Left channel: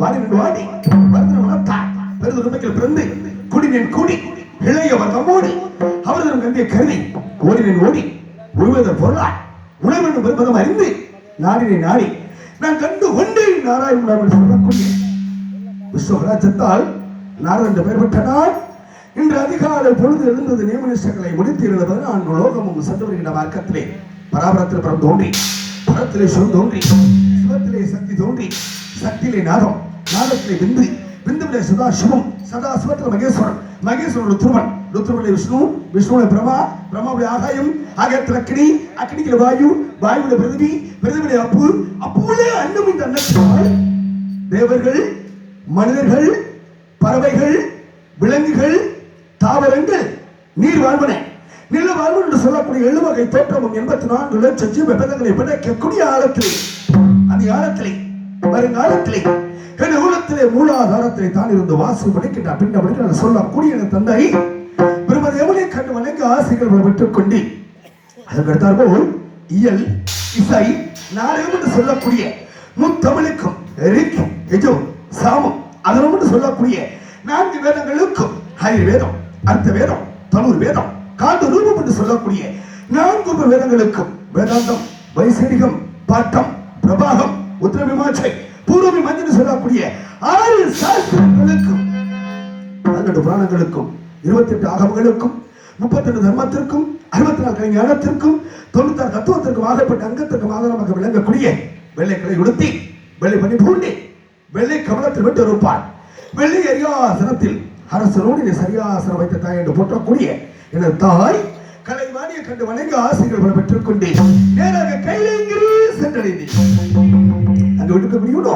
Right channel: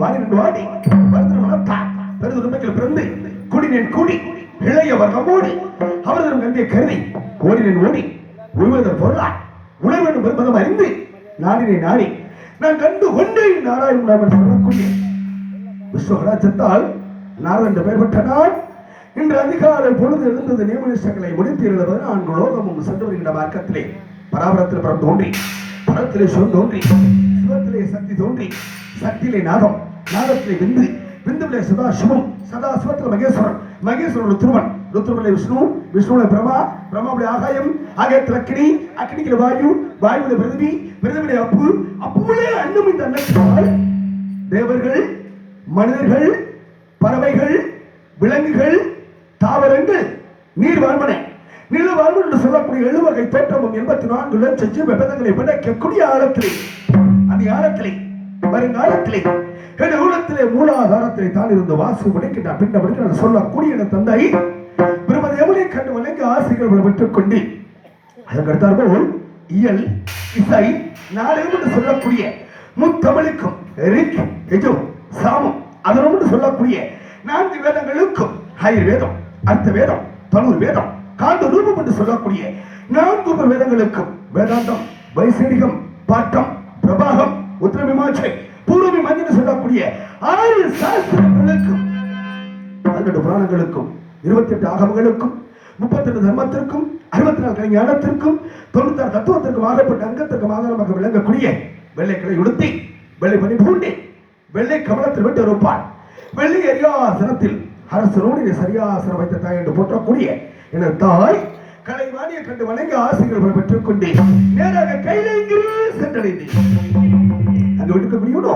வாடினேன் வாடி வந்தன வளர்த்தார் பெருது உண்மையில் பிறந்து குடினேன் கூடி இளைய வர்க்கமோடு அவரது நம்பிய கருதி ஓடினேன் ஓடி உழுவதன் பொருளா உணவெனும் பெருமதம் அறிந்து நாடினை நாடி நான் கண்டு கொண்டேன் நாராயணன் சொல்லக்கூடிய விஸ்வராஜத்தால் நாரண்டு பெயர்பட்ட நாள் இன்று அதிகாலை பொழுது எழுந்தது நியமனிஷ்டங்களை முடித்து எழுதுவது நான்கு லோகமும் சென்று வருகின்ற மார்க்கத்திலே பராபரத்தில் பரம் தோன்றி பரத்திலே சொல் தோன்றி சிவத்திலே சக்தி தோன்றி சக்தியிலே நாதம் நாதத்திலே விந்து விந்துவிலே சதாசிவம் சதாசிவத்தில் மகேஸ்வரன் மகேஸ்வரன் ருத்ரமன் ருத்ரனுடைய விஷ்ணு விஷ்ணுடைய பிரமா பிரமாவுடைய ஆகாயம் ஆகாயத்தில் அக்னி அக்னிக்கிற வாயு வாயுவில பிருதிவி பிருதிவிலே அப்பு அப்புவிலே அன்னம் இந்த அன்னத்தினால் தேவர்கள் மனிதர்கள் பறவைகள் விலங்குகள் தாவரங்கள் நீர் வாழ்வன நில வாழ்வு என்று சொல்லக்கூடிய 7 வகை தோற்றமும் 84 லட்சம் ஜீவபேதங்களை படைக்கக்கூடிய ஆழத்திலே அந்த ஆழத்திலே வருங்காலத்திலே என் ஊழத்திலே மூலாதாரத்திலே தான் இருந்து வாசு படிக்கின்ற பின்ன சொல்லக்கூடிய தந்தை பிரமதி யமுனை கண்டு வணங்க ஆசைகள் பெற்றுக் கொண்டு அதற்கடுத்தாற்போல் இயல் இசை நாடகம் என்று சொல்லக்கூடிய முத்தமிழுக்கும் ரிக் யஜு சாமம் அதனோடு சொல்லக்கூடிய 4 வேதங்களுக்கும் ஹைர் வேதம் அர்த்த வேதம் தனுர் வேதம் காண்டு ரூபம் என்று சொல்லக்கூடிய 4 வேதங்களுக்கும் வேதாந்தம் வைசேடிகம் பாட்டம் பிரபாகம் உத்தரவிமாச்சை பூர்வமீமாஞ்சை என்று சொல்லக்கூடிய 6 சாஸ்திரங்களுக்கும் 18 புராணங்களுக்கும் 28 ஆகமங்களுக்கும் 38 தர்மத்திற்கும் 64 கலைஞானத்திற்கும் 96 தத்துவத்திற்கும் ஆகப்பட்ட அங்கத்திற்கும் ஆதாரமாக விளங்கக்கூடிய வெள்ளைக்களை உடுத்தி வெள்ளை பணி பூண்டி வெள்ளை கவனத்தில் விட்டு இருப்பான் வெள்ளை அரியாசனத்தில் அரசனோடு சரியாசனம் வைத்த தாய் என்று போற்றக்கூடிய எனது தாய் கலைவாணியை கண்டு வணங்கி ஆசிரியர்கள் பெற்றுக் கொண்டு நேராக கையிலேங்கிரி சென்றடைந்தேன். அங்கு விடுக்க முடியுமோ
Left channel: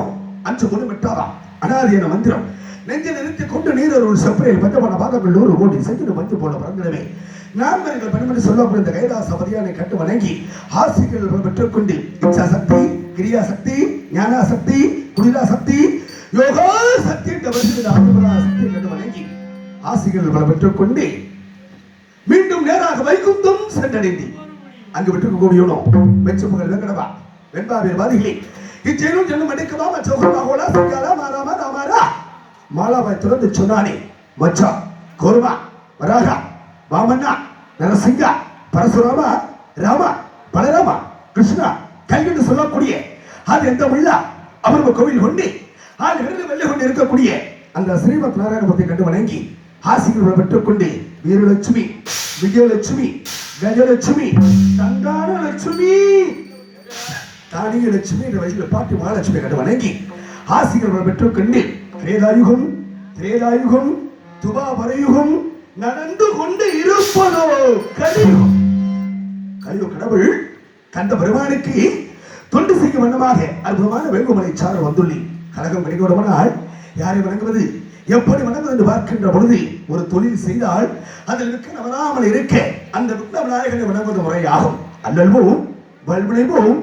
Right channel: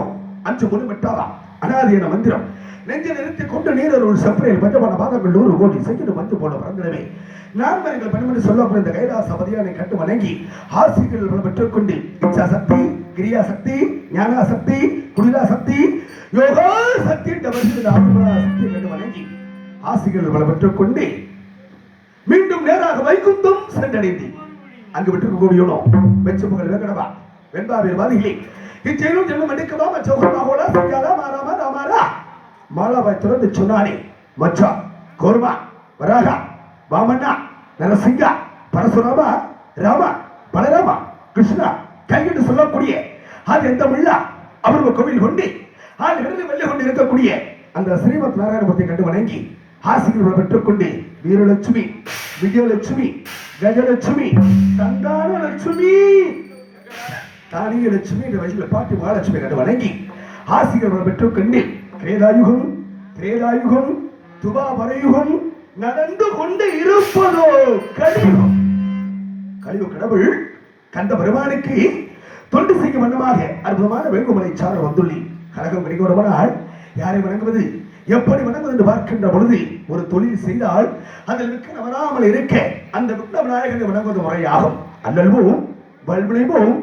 5 முன்னு விட்டாரா அனாதியான மந்திரம் நெஞ்சை நிறுத்தி கொண்டு நீர் ஒரு செப்பரையில் பஞ்சமான பாகங்கள் 100 கோடி செஞ்சு மஞ்சு போல பிறந்திடவே நான்கு பணிமணி சொல்லப்படும் இந்த கைலாச அவதியானை கண்டு வணங்கி ஆசிரியர்கள் பெற்றுக் கொண்டு இச்சா சக்தி கிரியா சக்தி ஞானா சக்தி குடிலா சக்தி யோகா சக்தி சக்தி கண்டு வணங்கி ஆசிரியர்கள் பெற்றுக் கொண்டு மீண்டும் நேராக வைகுந்தம் சென்றடைந்து அங்கு விட்டு கூடியனோ வெச்சு புகழ் வெங்கடவா வெண்பாவில் வாதிகளே இச்செயலும் செல்லும் அடிக்கவா மச்சோகமாகோலா சிங்காரா மாராமா ராமாரா மாலாபாய் திறந்து சொன்னானே மச்சா கோர்மா வராகா வாமண்ணா நரசிங்கா பரசுராமா ராமா பலராமா கிருஷ்ணா கைவிட்டு சொல்லக்கூடிய அது எந்த உள்ளா அவருவ கோவில் கொண்டு ஆள் இருந்து வெள்ளை கொண்டு இருக்கக்கூடிய அந்த ஸ்ரீமத் நாராயணமூர்த்தி கண்டு வணங்கி ஆசிரியர்கள் பெற்றுக் கொண்டு வீரலட்சுமி விஜயலட்சுமி கஜலட்சுமி தங்கான லட்சுமி தானிய லட்சுமி என்ற வயசில் பாட்டு மகாலட்சுமி கண்டு வணங்கி ஆசிரியர்கள் பெற்றுக் கொண்டு திரேதாயுகம் துபாபரயுகம் நடந்து கொண்டு இருப்பதோ கலியுகம் கடவுள் கண்ட பெருமானுக்கு தொண்டு செய்யும் வண்ணமாக அற்புதமான வேங்குமலை சார வந்துள்ளி கழகம் கிடைக்கவிடுவனால் யாரை வணங்குவது எப்படி வணங்குவது என்று பார்க்கின்ற பொழுது ஒரு தொழில் செய்தால் அதில் விற்க வராமல் இருக்க அந்த விக்ன விநாயகனை வணங்குவது முறையாகும் அல்லல்வோம் வல்விளைவோம்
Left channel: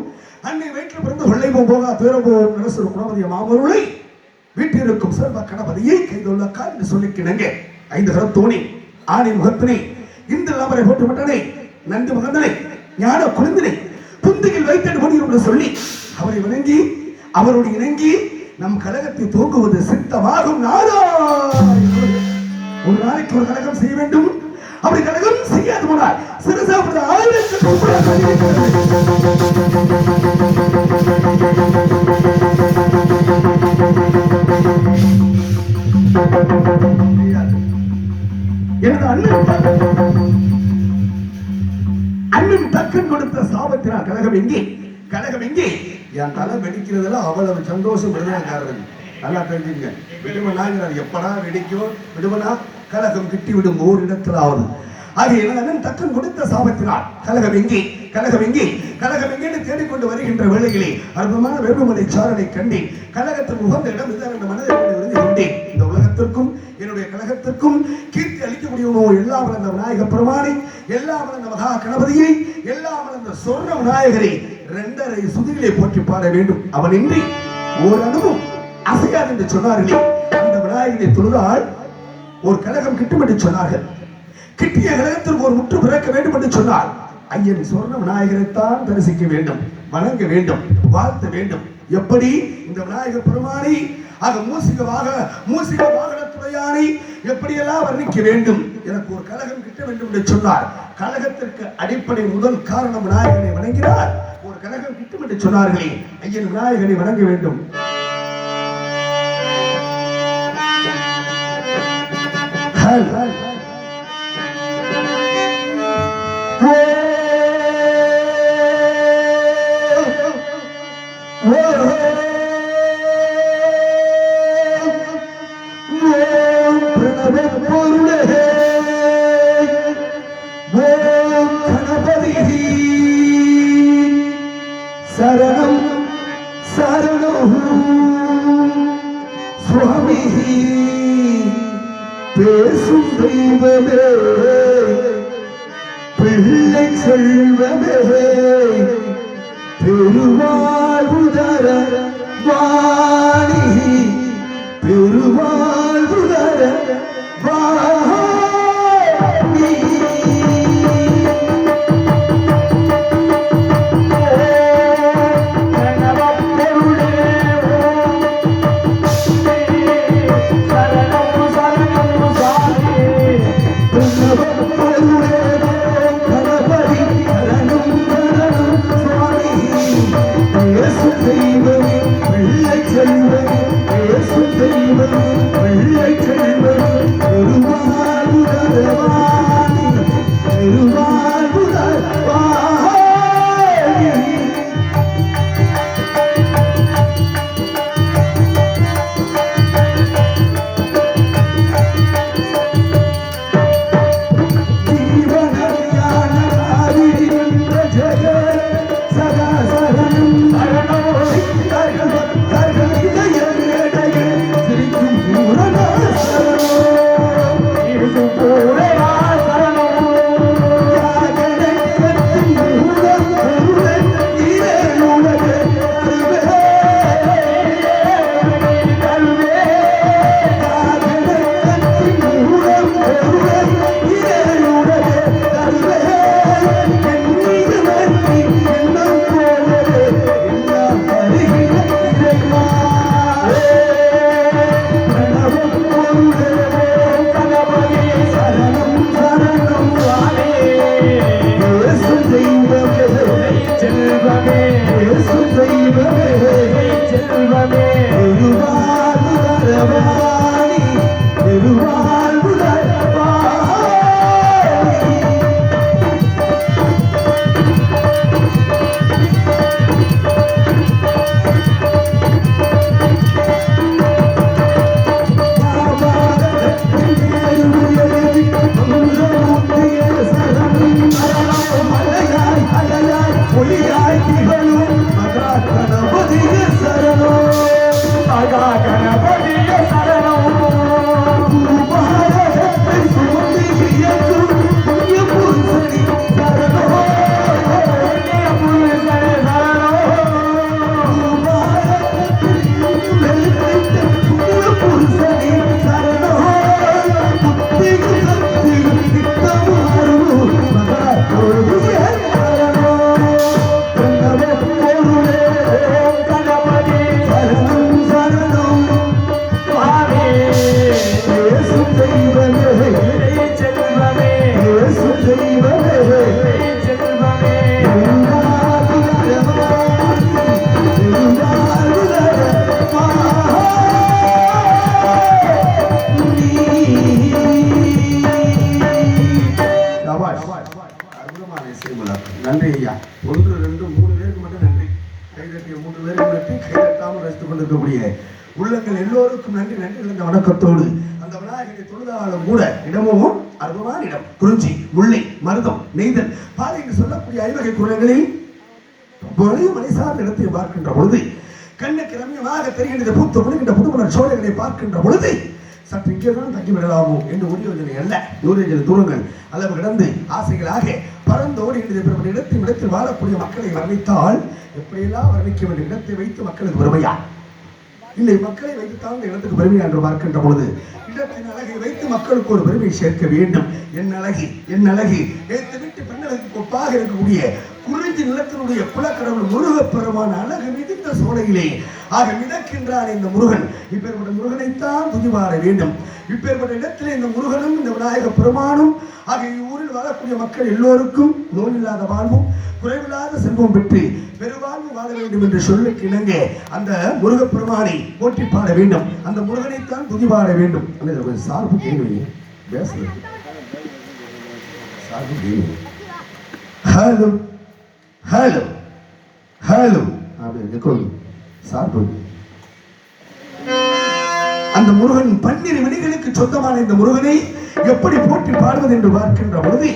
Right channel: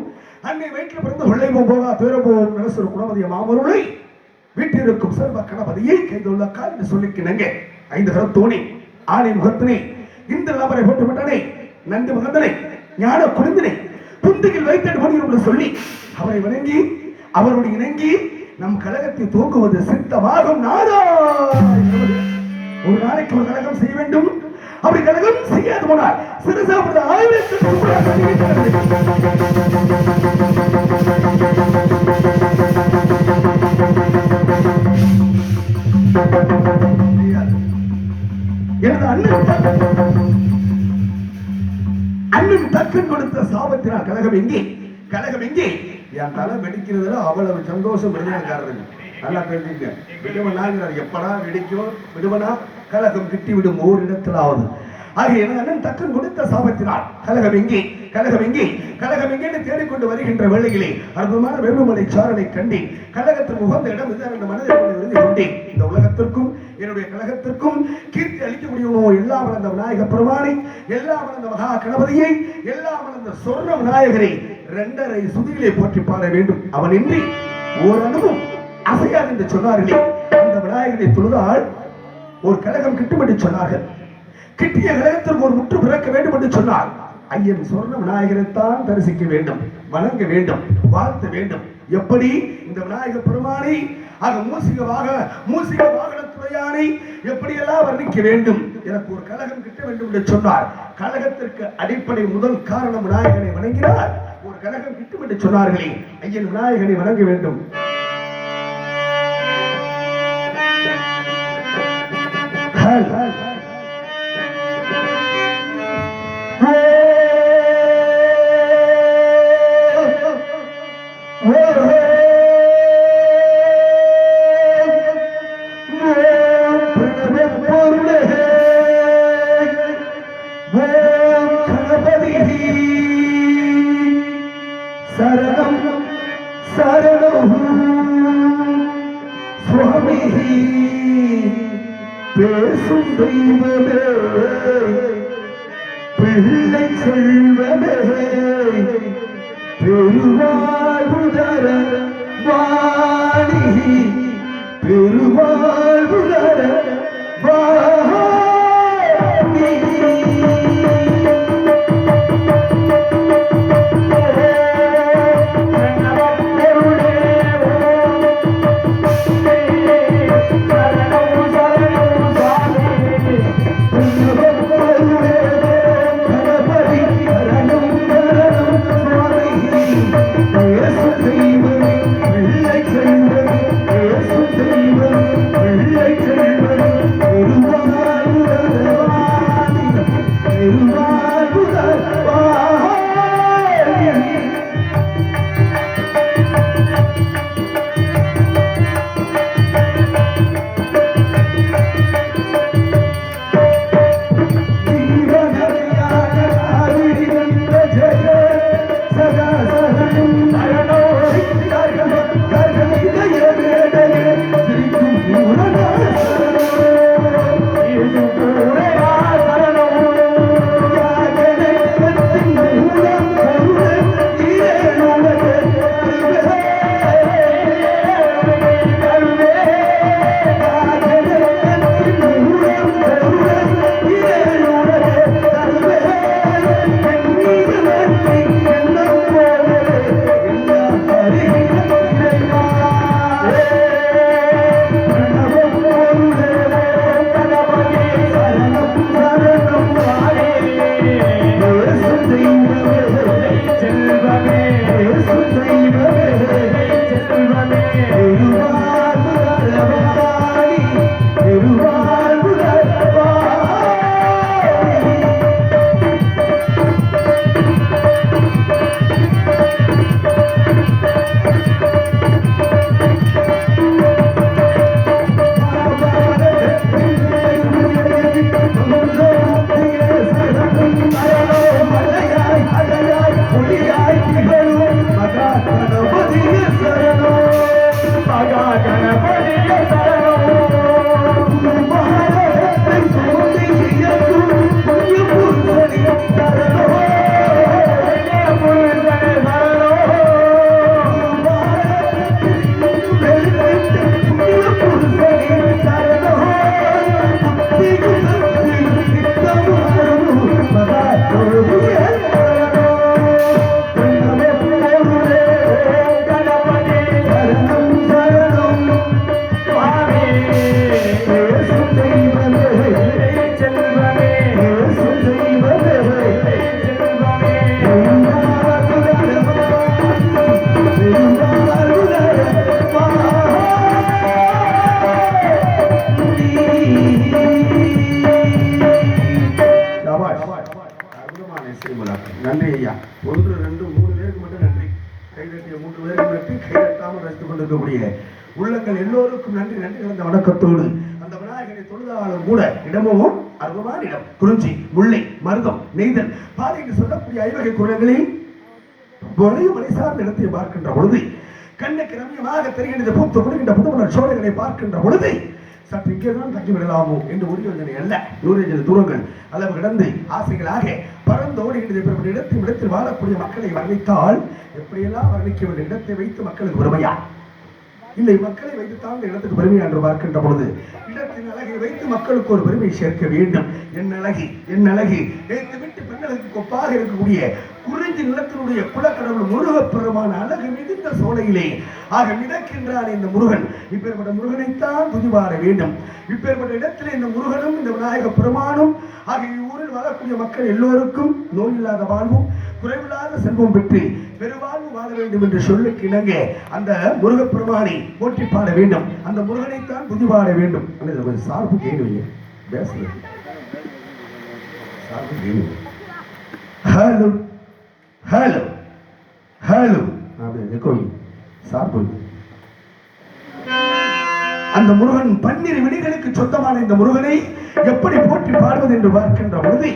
அன்னை வயிற்றில் பிறந்த வெள்ளைவோம் போதா பேரவோம் நரசு குணமதிய மாமருளை வீட்டிற்கும் சர்வ கணபதியை கைதொள்ள கால் என்று சொல்லிக்கினங்க 5 கரத்தோனே ஆணை முகத்தினை இந்த நபரை போட்டு விட்டனே நன்றி முகந்தனை ஞான குழந்தினை புந்தியில் வைத்தது என்று சொல்லி அவரை வணங்கி அவருடைய இணங்கி நம் கழகத்தை தூக்குவது சித்தமாகும். ஒரு நாளைக்கு ஒரு கழகம் செய்ய வேண்டும். அப்படி கழகம் செய்யாது போனால் சிறுசாவது அண்ணன் தக்கன் கொடுத்த சாபத்தினால் கழகம் எங்கே என் தலை வெடிக்கிறதுல அவ்வளவு சந்தோஷம் வெளியாகிறது. ஆனா தெரிஞ்சுக்க விடுவனாங்கிறது எப்படா வெடிக்கும் விடுவனா கழகம் கிட்டி விடும் ஓரிடத்தில் ஆகுது. ஆகிய அண்ணன் தக்கன் கொடுத்த சாபத்தினால் கழகம் எங்கே தேடிக்கொண்டு வருகின்ற வேளையிலே அற்புதமான வேண்டுமலை சாரனை கண்டி கழகத்தில் உகந்த இடம் இந்த மனிதர்கள் கொண்டேன். இந்த உலகத்திற்கும் என்னுடைய கழகத்திற்கும் கீர்த்தி அளிக்கக்கூடிய எல்லாம் வளர்ந்த விநாயக பெருமானை, எல்லாம் வளர்ந்த மகா கணபதியை, எல்லாம் வளர்ந்த சொர்ண விநாயகரை 2.5 சுதியிலே போற்றி பாட வேண்டும். அவன் இன்றி ஓரளவும் அசையாது என்று சொன்னார்களே. அந்த விநாயகனை தொழுதால் ஒரு கழகம் கிட்டும் என்று சொன்னார்கள். கிட்டிய கழகத்திற்கு ஒரு முற்று பிறக்க வேண்டும் என்று சொன்னார். ஐயன் சொர்ண விநாயகரைத்தான் தரிசிக்க வேண்டும், வணங்க வேண்டும், வாழ்த்த வேண்டும். எப்படி இந்த விநாயகர் பெருமானை மூசிக வாகனத்துடையானை எப்படியெல்லாம் வர்ணிக்க வேண்டும்? எனக்கு ஒரு கலகம் கிட்ட வேண்டும் என்று சொன்னார். கலகத்திற்கு அடிப்படை முதல் காரணம் விநாயகனை வணங்கினார். ஒரு கலகம் கிட்டும் என்று சொன்னார்களே, ஐயன் விநாயகனை வணங்க வேண்டும். சரணம் சரணம் சுவாமி பேசும் தெய்வமே பிள்ளை செல்வமே பெருவாழ்வுதர வாணி பெருவாழ்வுதர வாணி நன்றி ஐயா. ஒன்று ரெண்டு மூணு பேருக்கு மட்டும் நன்றி. கைதட்டிய 3 பேருக்கு நன்றி. கைதட்டாமல் ரசித்துக் கொண்டிருக்கக்கூடிய உள்ளங்கள் எல்லோருக்கும் நன்றி. நன்றி கலந்த வணக்கத்தோடு அந்த விநாயகரை தொழுதாலும் கூட இடமும் அற்புதமான இடம். குறிஞ்சி, முல்லை, மருதம், நெய்தல், பாலை என்று சொல்லக்கூடிய ஐவகை குரல்களில் வளையும் மலை சார்ந்த இடத்தை பார்க்கின்ற பொழுது கண்ணுக்கு ரம்யமாக தெரிகின்ற பூத்து கொடுக்கின்ற புதுமலர் சோலைகளை பார்க்கின்ற பொழுது சற்று இங்கேதான் தங்கி விடலாமோ என்று உரியவர்களை அல்ல 100 தூரங்கள் அளவு கடந்து ஆசைகளாக பறந்தோடுகின்ற இடத்தில் வாழக்கூடிய மக்களை வர்ணித்தால் எப்படியெல்லாம் வர்ணிக்க வேண்டிய இடத்தை வைத்து மக்களுக்கு பெருமையா இல்லை, மக்களை வைத்துத்தான் இந்த இடத்துக்கு பெருமையா என்று பார்க்கின்ற பொழுது இடத்தின் அழகை வைத்து மக்களுக்கு ஒரு பெருமை சேர்க்க வேண்டும். என் அழகி வீட்டு பெண்களுக்கு கொப்பாக இருக்கக்கூடிய குறிஞ்சி நிலத்தினுடைய குலக்கடவுள் முருகப்பெருமான அழகு மிகுந்த சோலையிலே ஆக மிதக்கின்றான் இந்த முருகன். இப்பேற்பட்ட முருகனைத்தான் துதிபாட வேண்டும். இப்பேற்பட்ட இடத்திலே இந்த முருகனும் இந்த விநாயக பெருமானும் ஆக ஊரில் வாழக்கூடிய மக்கள் எல்லோருக்கும் நோயில்லாத வாழ்வும் குறைவில்லாத செல்வம் பெற்று பெருவாழ்வு வாழ வேண்டும் என்று சொல்லுக்கு இணங்க அந்த முருகப்பெருமானை போற்றி பாட வேண்டும். அந்த முருகனைத்தான் துதிபாட வேண்டும். சார்பு கேள்வி ஹலோ ஹலோ ஹலோ அப்படி சார்பு. அந்த முருகன் 12 விழிகளுக்கு சொந்தமான இந்த முருகனை எப்படி போற்றி பாடுவது என்று பார்க்கின்ற பொழுது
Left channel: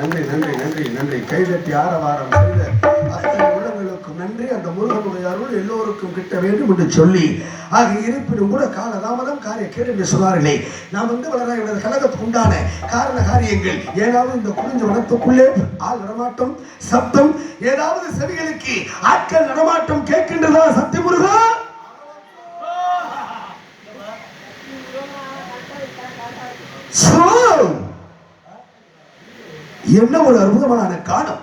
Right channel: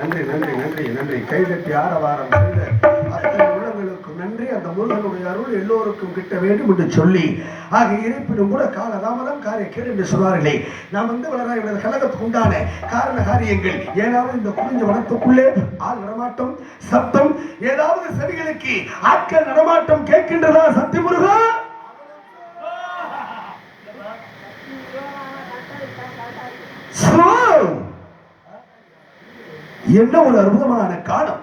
நன்றி நன்றி நன்றி நன்றி. கைதட்டி ஆரவாரம் செய்த அத்தனை உள்ளங்களுக்கு நன்றி. அந்த முருகனுடைய அருள் எல்லோருக்கும் கிட்ட வேண்டும் என்று சொல்லி ஆக இருப்பினும் கூட காலதாமதம் காரிய கேடு என்று சொன்னார்களே. நாம் வளராய் கழகத்துக்கு உண்டான காரண காரியங்கள் ஏதாவது இந்த குறிஞ்ச வனத்துக்குள்ளே ஆள் நடமாட்டம் சப்தம் ஏதாவது செவிகளுக்கு ஆட்கள் நடமாட்டம் கேட்கின்றதா? சக்தி முருகா என்ன ஒரு அற்புதமான காணம்.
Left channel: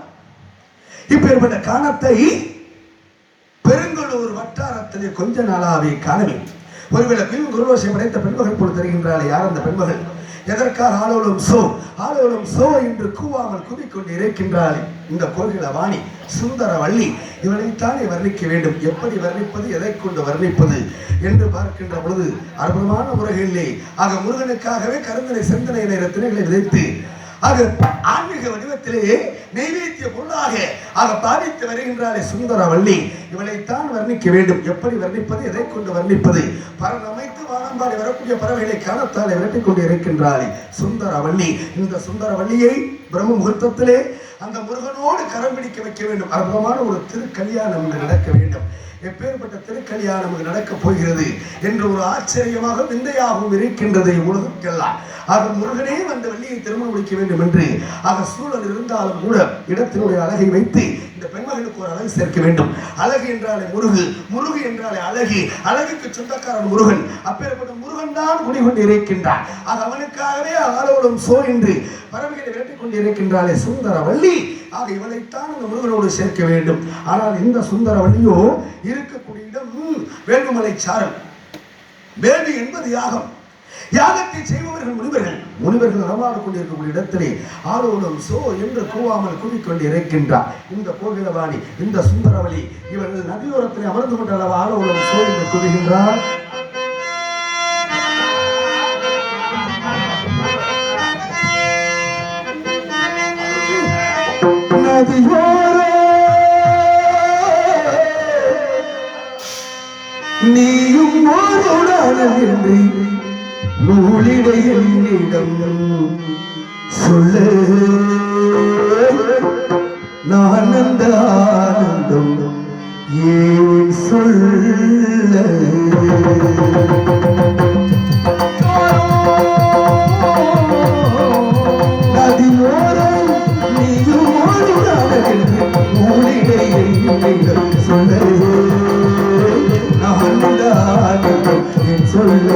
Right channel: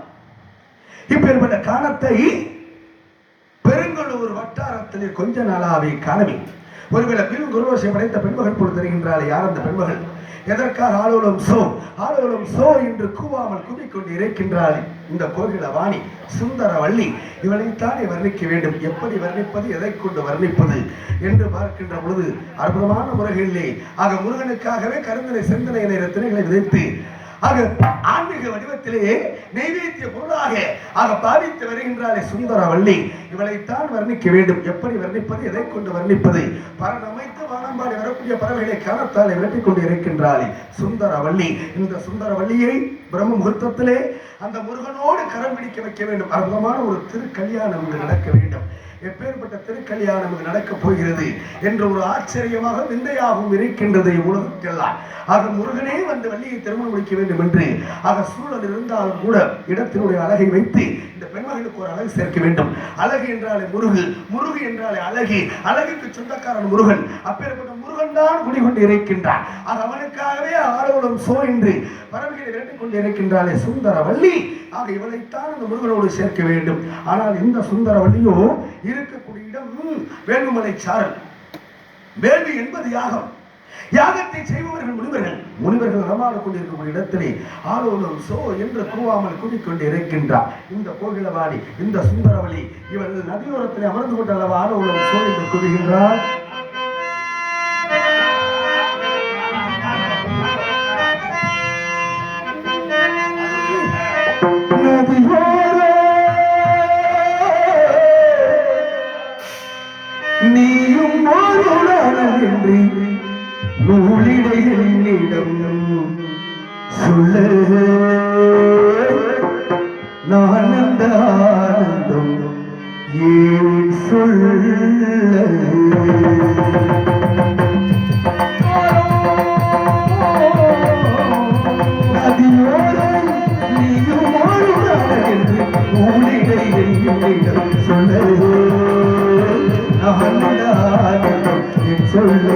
இப்பேற்பட்ட காணத்தை பெருங்கலூர் வட்டாரத்திலே கொஞ்ச நாளாவே காணவே. ஒருவேளை குருவசை படைத்த பெண்மகள் போல் தெரிகின்றாலே யார் அந்த பெண்மகள்? எதற்காக ஆலோலம் சோ என்று கூவாமல் கூவிக்கொண்டு இறைக்கின்றாளே இந்த கோகில வாணி சுந்தர வள்ளி. இவளைத்தானே வர்ணிக்க வேண்டும். எப்படி வர்ணிப்பது, எதை கொண்டு வர்ணிப்பது என்று பார்க்கின்ற பொழுது அற்புதமான முறைகளிலே ஆக முருகனுக்காகவே கருந்தனை சிந்தனை திணைகளை விதைத்து ஆக ஆன்மீக வடிவத்திலே நைவேத்திய பொருளாக பாவித்து வருகின்றாலே சுந்தரவள்ளி. இவளைத்தான் வர்ணிக்க வேண்டும். எப்படி வர்ணிப்பது, எதை கொண்டு வர்ணிப்பது? பரன் அமைத்து வானம்பாடி வரக்கூடிய பறவைகளை காணத்தாலே விரட்டிக் கொண்டு இருக்கின்றாளே சுந்தரவள்ளி. இந்த சுந்தரவள்ளியை பிரம்ம முகூர்த்தத்திலே அந்த முருகனோடு கரம் பிடிக்க வைக்க வேண்டும். அற்புதமான ஒரு திருக்கல்யாணம் நடக்க வேண்டும். எப்பேற்பட்ட திருக்கல்யாணம் நடக்கப் போகிறது என்று ஒரு ஆச்சரியமாக விந்தையாகவும் இருக்கின்றது உலகத்துக்கெல்லாம். ஆக முருகனே வந்து வள்ளியை திருமணம் முடிக்க வேண்டும் என்று சூழல் இருந்தாலும் கூட இடத்தினுடைய அழகை வைத்து இந்த பெண்மகளுக்கு ஒரு அழகு சேர்க்க வேண்டும். அழகு என்றாலே முருகு, முருகு என்றாலே அழகு, அழகுக்கு சொந்தக்காரன் முருகன். அப்பேற்பட்ட முருகன் தான் குடிகொண்டு இருக்கின்றான். அவனுக்காகவே ஆலோலம் சோ என்று பறவைகளை விரட்டிக் கொண்டு இருக்கின்றாலே சுந்தரவள்ளி. ஆக இவளைத்தான் இந்த முருகனோடு சேர்க்க வேண்டும். ஆனால் இந்த சுந்தரவள்ளியோ இருக்கக்கூடிய இடம் வேண்டுமலை சாரல். வேள்வி என்பது யாகம். யாகத்தை செய்பவர்கள் முனிவர்கள். முனிவர்கள் நடமாடு கொண்டிருக்கக்கூடிய இடத்திலே ஆலோலம் சோ என்று கூவாமல் கூறிக்கொண்டு இருக்கின்றார் இந்த கோகிலவாணி, இந்த சுந்தரவள்ளி. இவர்கள் நதியோரத்திலே அமர்ந்து கொண்ட அளவு ஆலோலம் சோ என்று கூறுகின்றார். நீயும் என்று நூலிடை என்னிடம் சொல்ல நான் அந்த ஆனந்தம் ஏன் சொல்ல. நதியோரம் நீயும் என்று நூலிடை என்னிடம் சொல்ல நான் அந்த ஆனந்தம் ஏன் சொல்ல.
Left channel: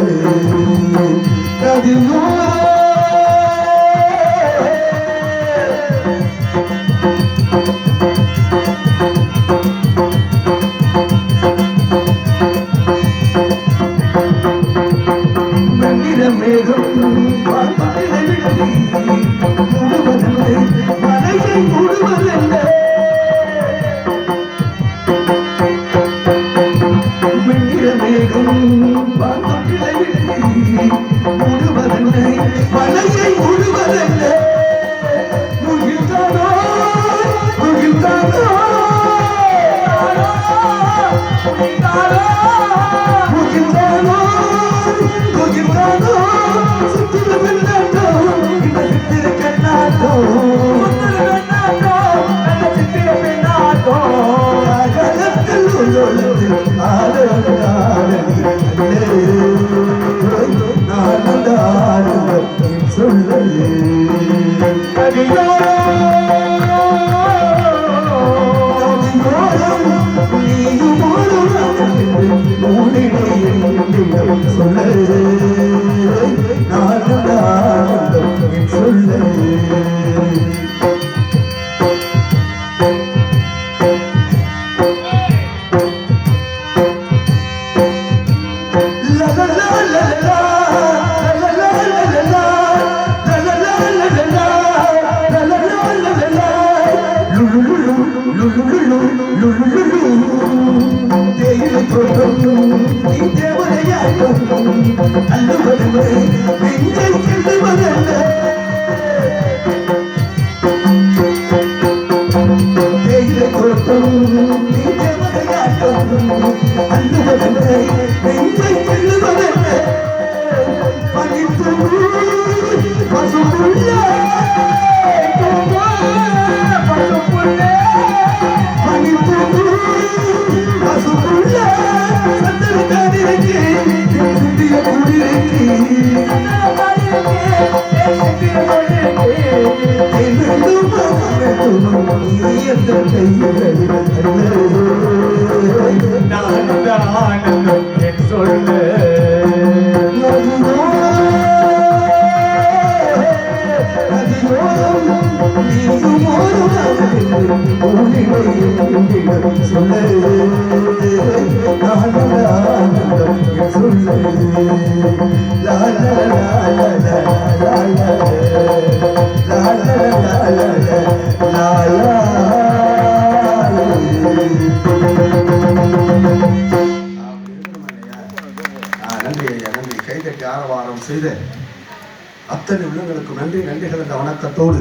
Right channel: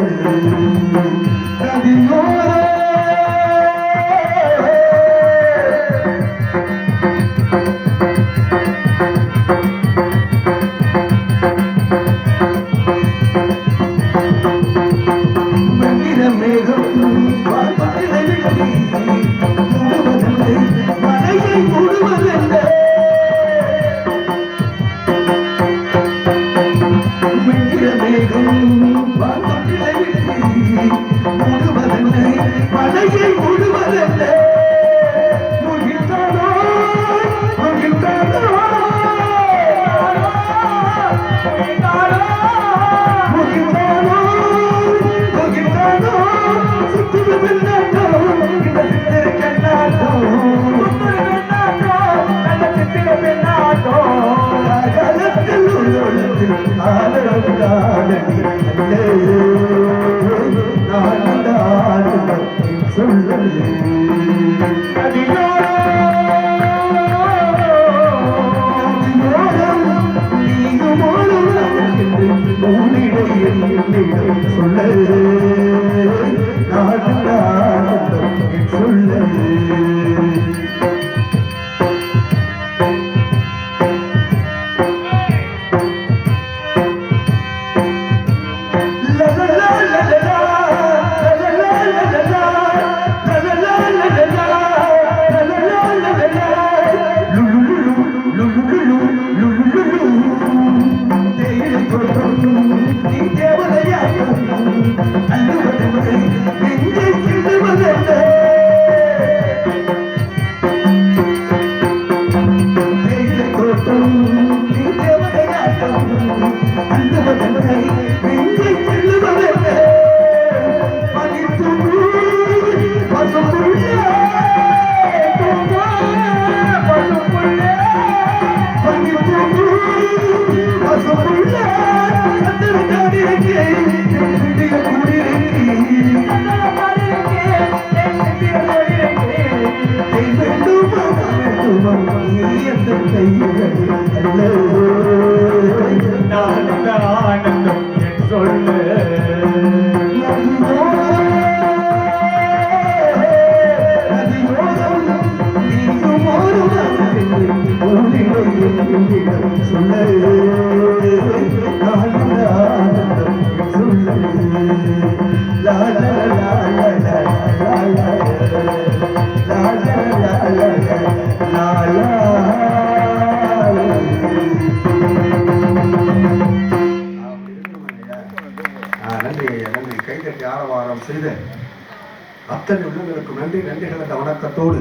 அத்தனை உள்ளங்களுக்கு நன்றி நன்றிகள் என்ற வணக்கத்தோடு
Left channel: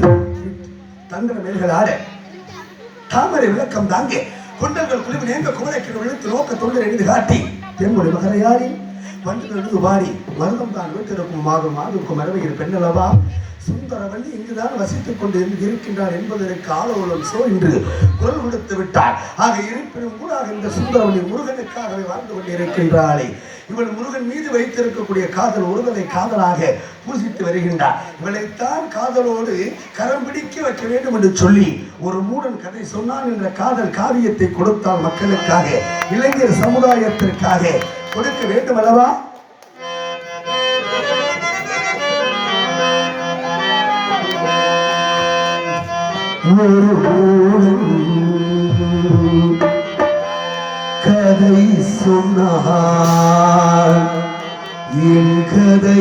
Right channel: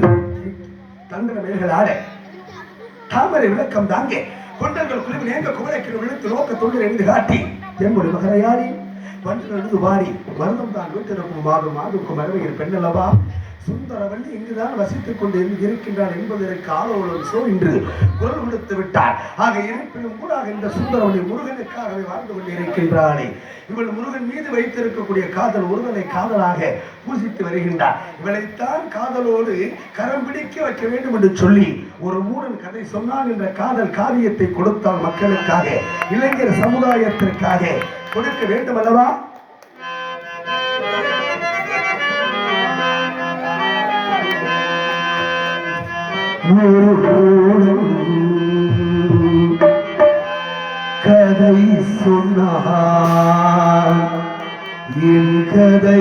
தந்திர மேல்கள் ஆட தாமரை விளக்கம் தாங்க கொண்டர்கள் குழுவி நேங்க குமரைக்கிற விழுத்து நோக்க தொண்டர் எழுதி காட்டி தெம்புடைய மகரையாடி வந்து எழுது வாடி மருதம் தான் வீட்டிருக்கும் மாதம் மாதுக்கும் மரவையில் பெண்ணளவா சுந்தரவள்ளி இங்குதான் வசித்துக் கொண்டு இருக்கின்றார் என்பதற்கு ஆலோலம் சோ என்று குரல் கொடுத்து விட்டார். ஆக இருப்பினும் கூட இந்த சுந்தரவள்ளி முருகனுக்காகவே வாழ்ந்து கொண்டிருக்கின்றாளே. இவள் முருகன் மீது வைத்திருக்கக்கூடிய காதல் ஒருவனை காதலாக பூசித்து வருகின்றார். இவளைத்தான் காதலோடு கரம் பிடிக்க வைக்க வேண்டும் என்று சொல்லி ஒரு மூடன் கதை சொன்னான் என்ற காதல் காவியத்தை கொடுத்தால் மக்களுக்காக இளைஞர் சமுதாயத்திற்காக கொடுக்க வேண்டும் அல்லவா? கதை சொன்னான் என் கதை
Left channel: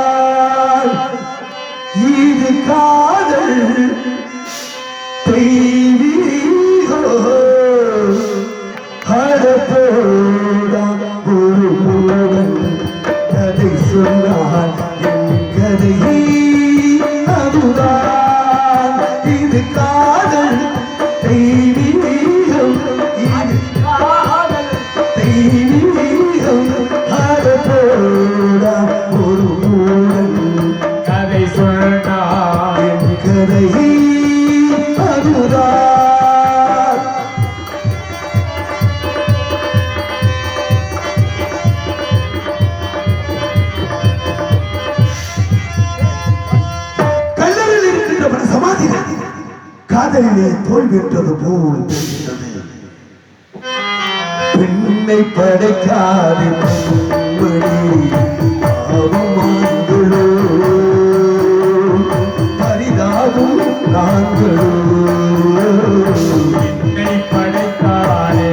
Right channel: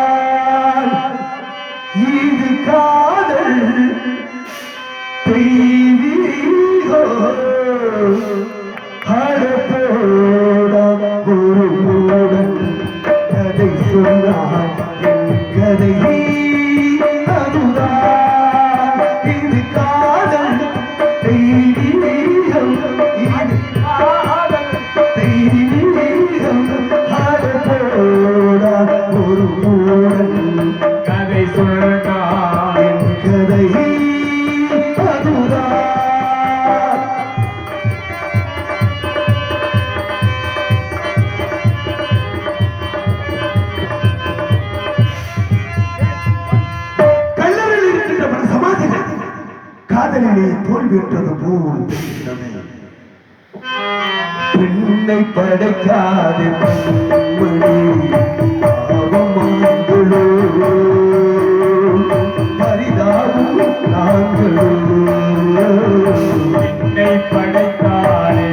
அதுதான் இது காதல் தெய்வீகோ குருவுடன் கதை சொன்னான் என் கதை அதுதான் இது காதல் தெய்வீகம் இது காதல் தெய்வீகம் குருவுடன் கதை சொன்னான் என் கதை அதுதான். காதலிலே தோல்வியற்றது போல் தெரிகிறது. பெண்ணை படைக்காது அவமானங்களோ பரிதாபம் நாங்களோ பெண்ணை படைக்காது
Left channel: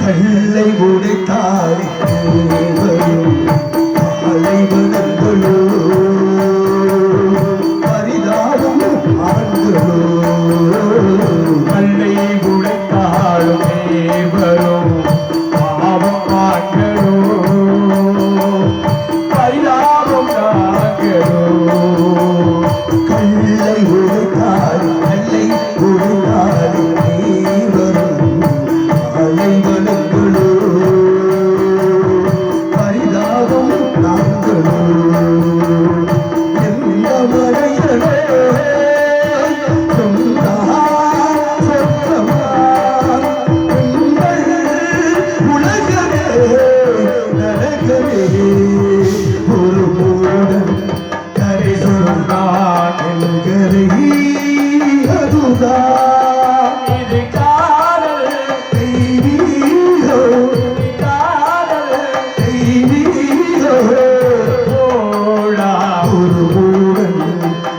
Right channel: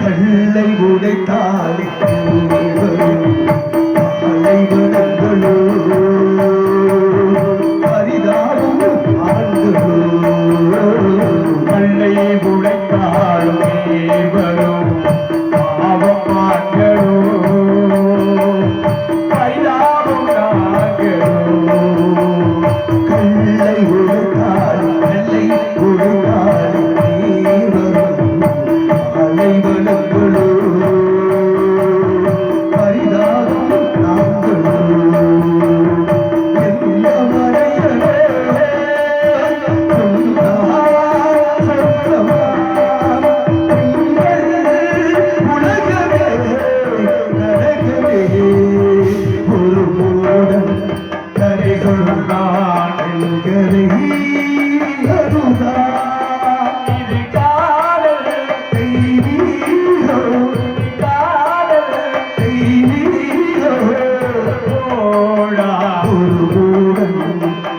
கல்லை உடைத்தாடி அலைவனங்களோ பரிதாபம் ஆண்களோ கல்லை உடைத்தாலும் வரும் பாவம் ஆண்களோ பரிதாபம் ஆண்களோ கல்லை உடைத்தாடி கல்லை உடைத்தாடி வரும் அலைவனங்களோ பரிதாபம் நாங்களோ என்ன வரையவே உலகமே நடக்கவே ஒரு மூடன்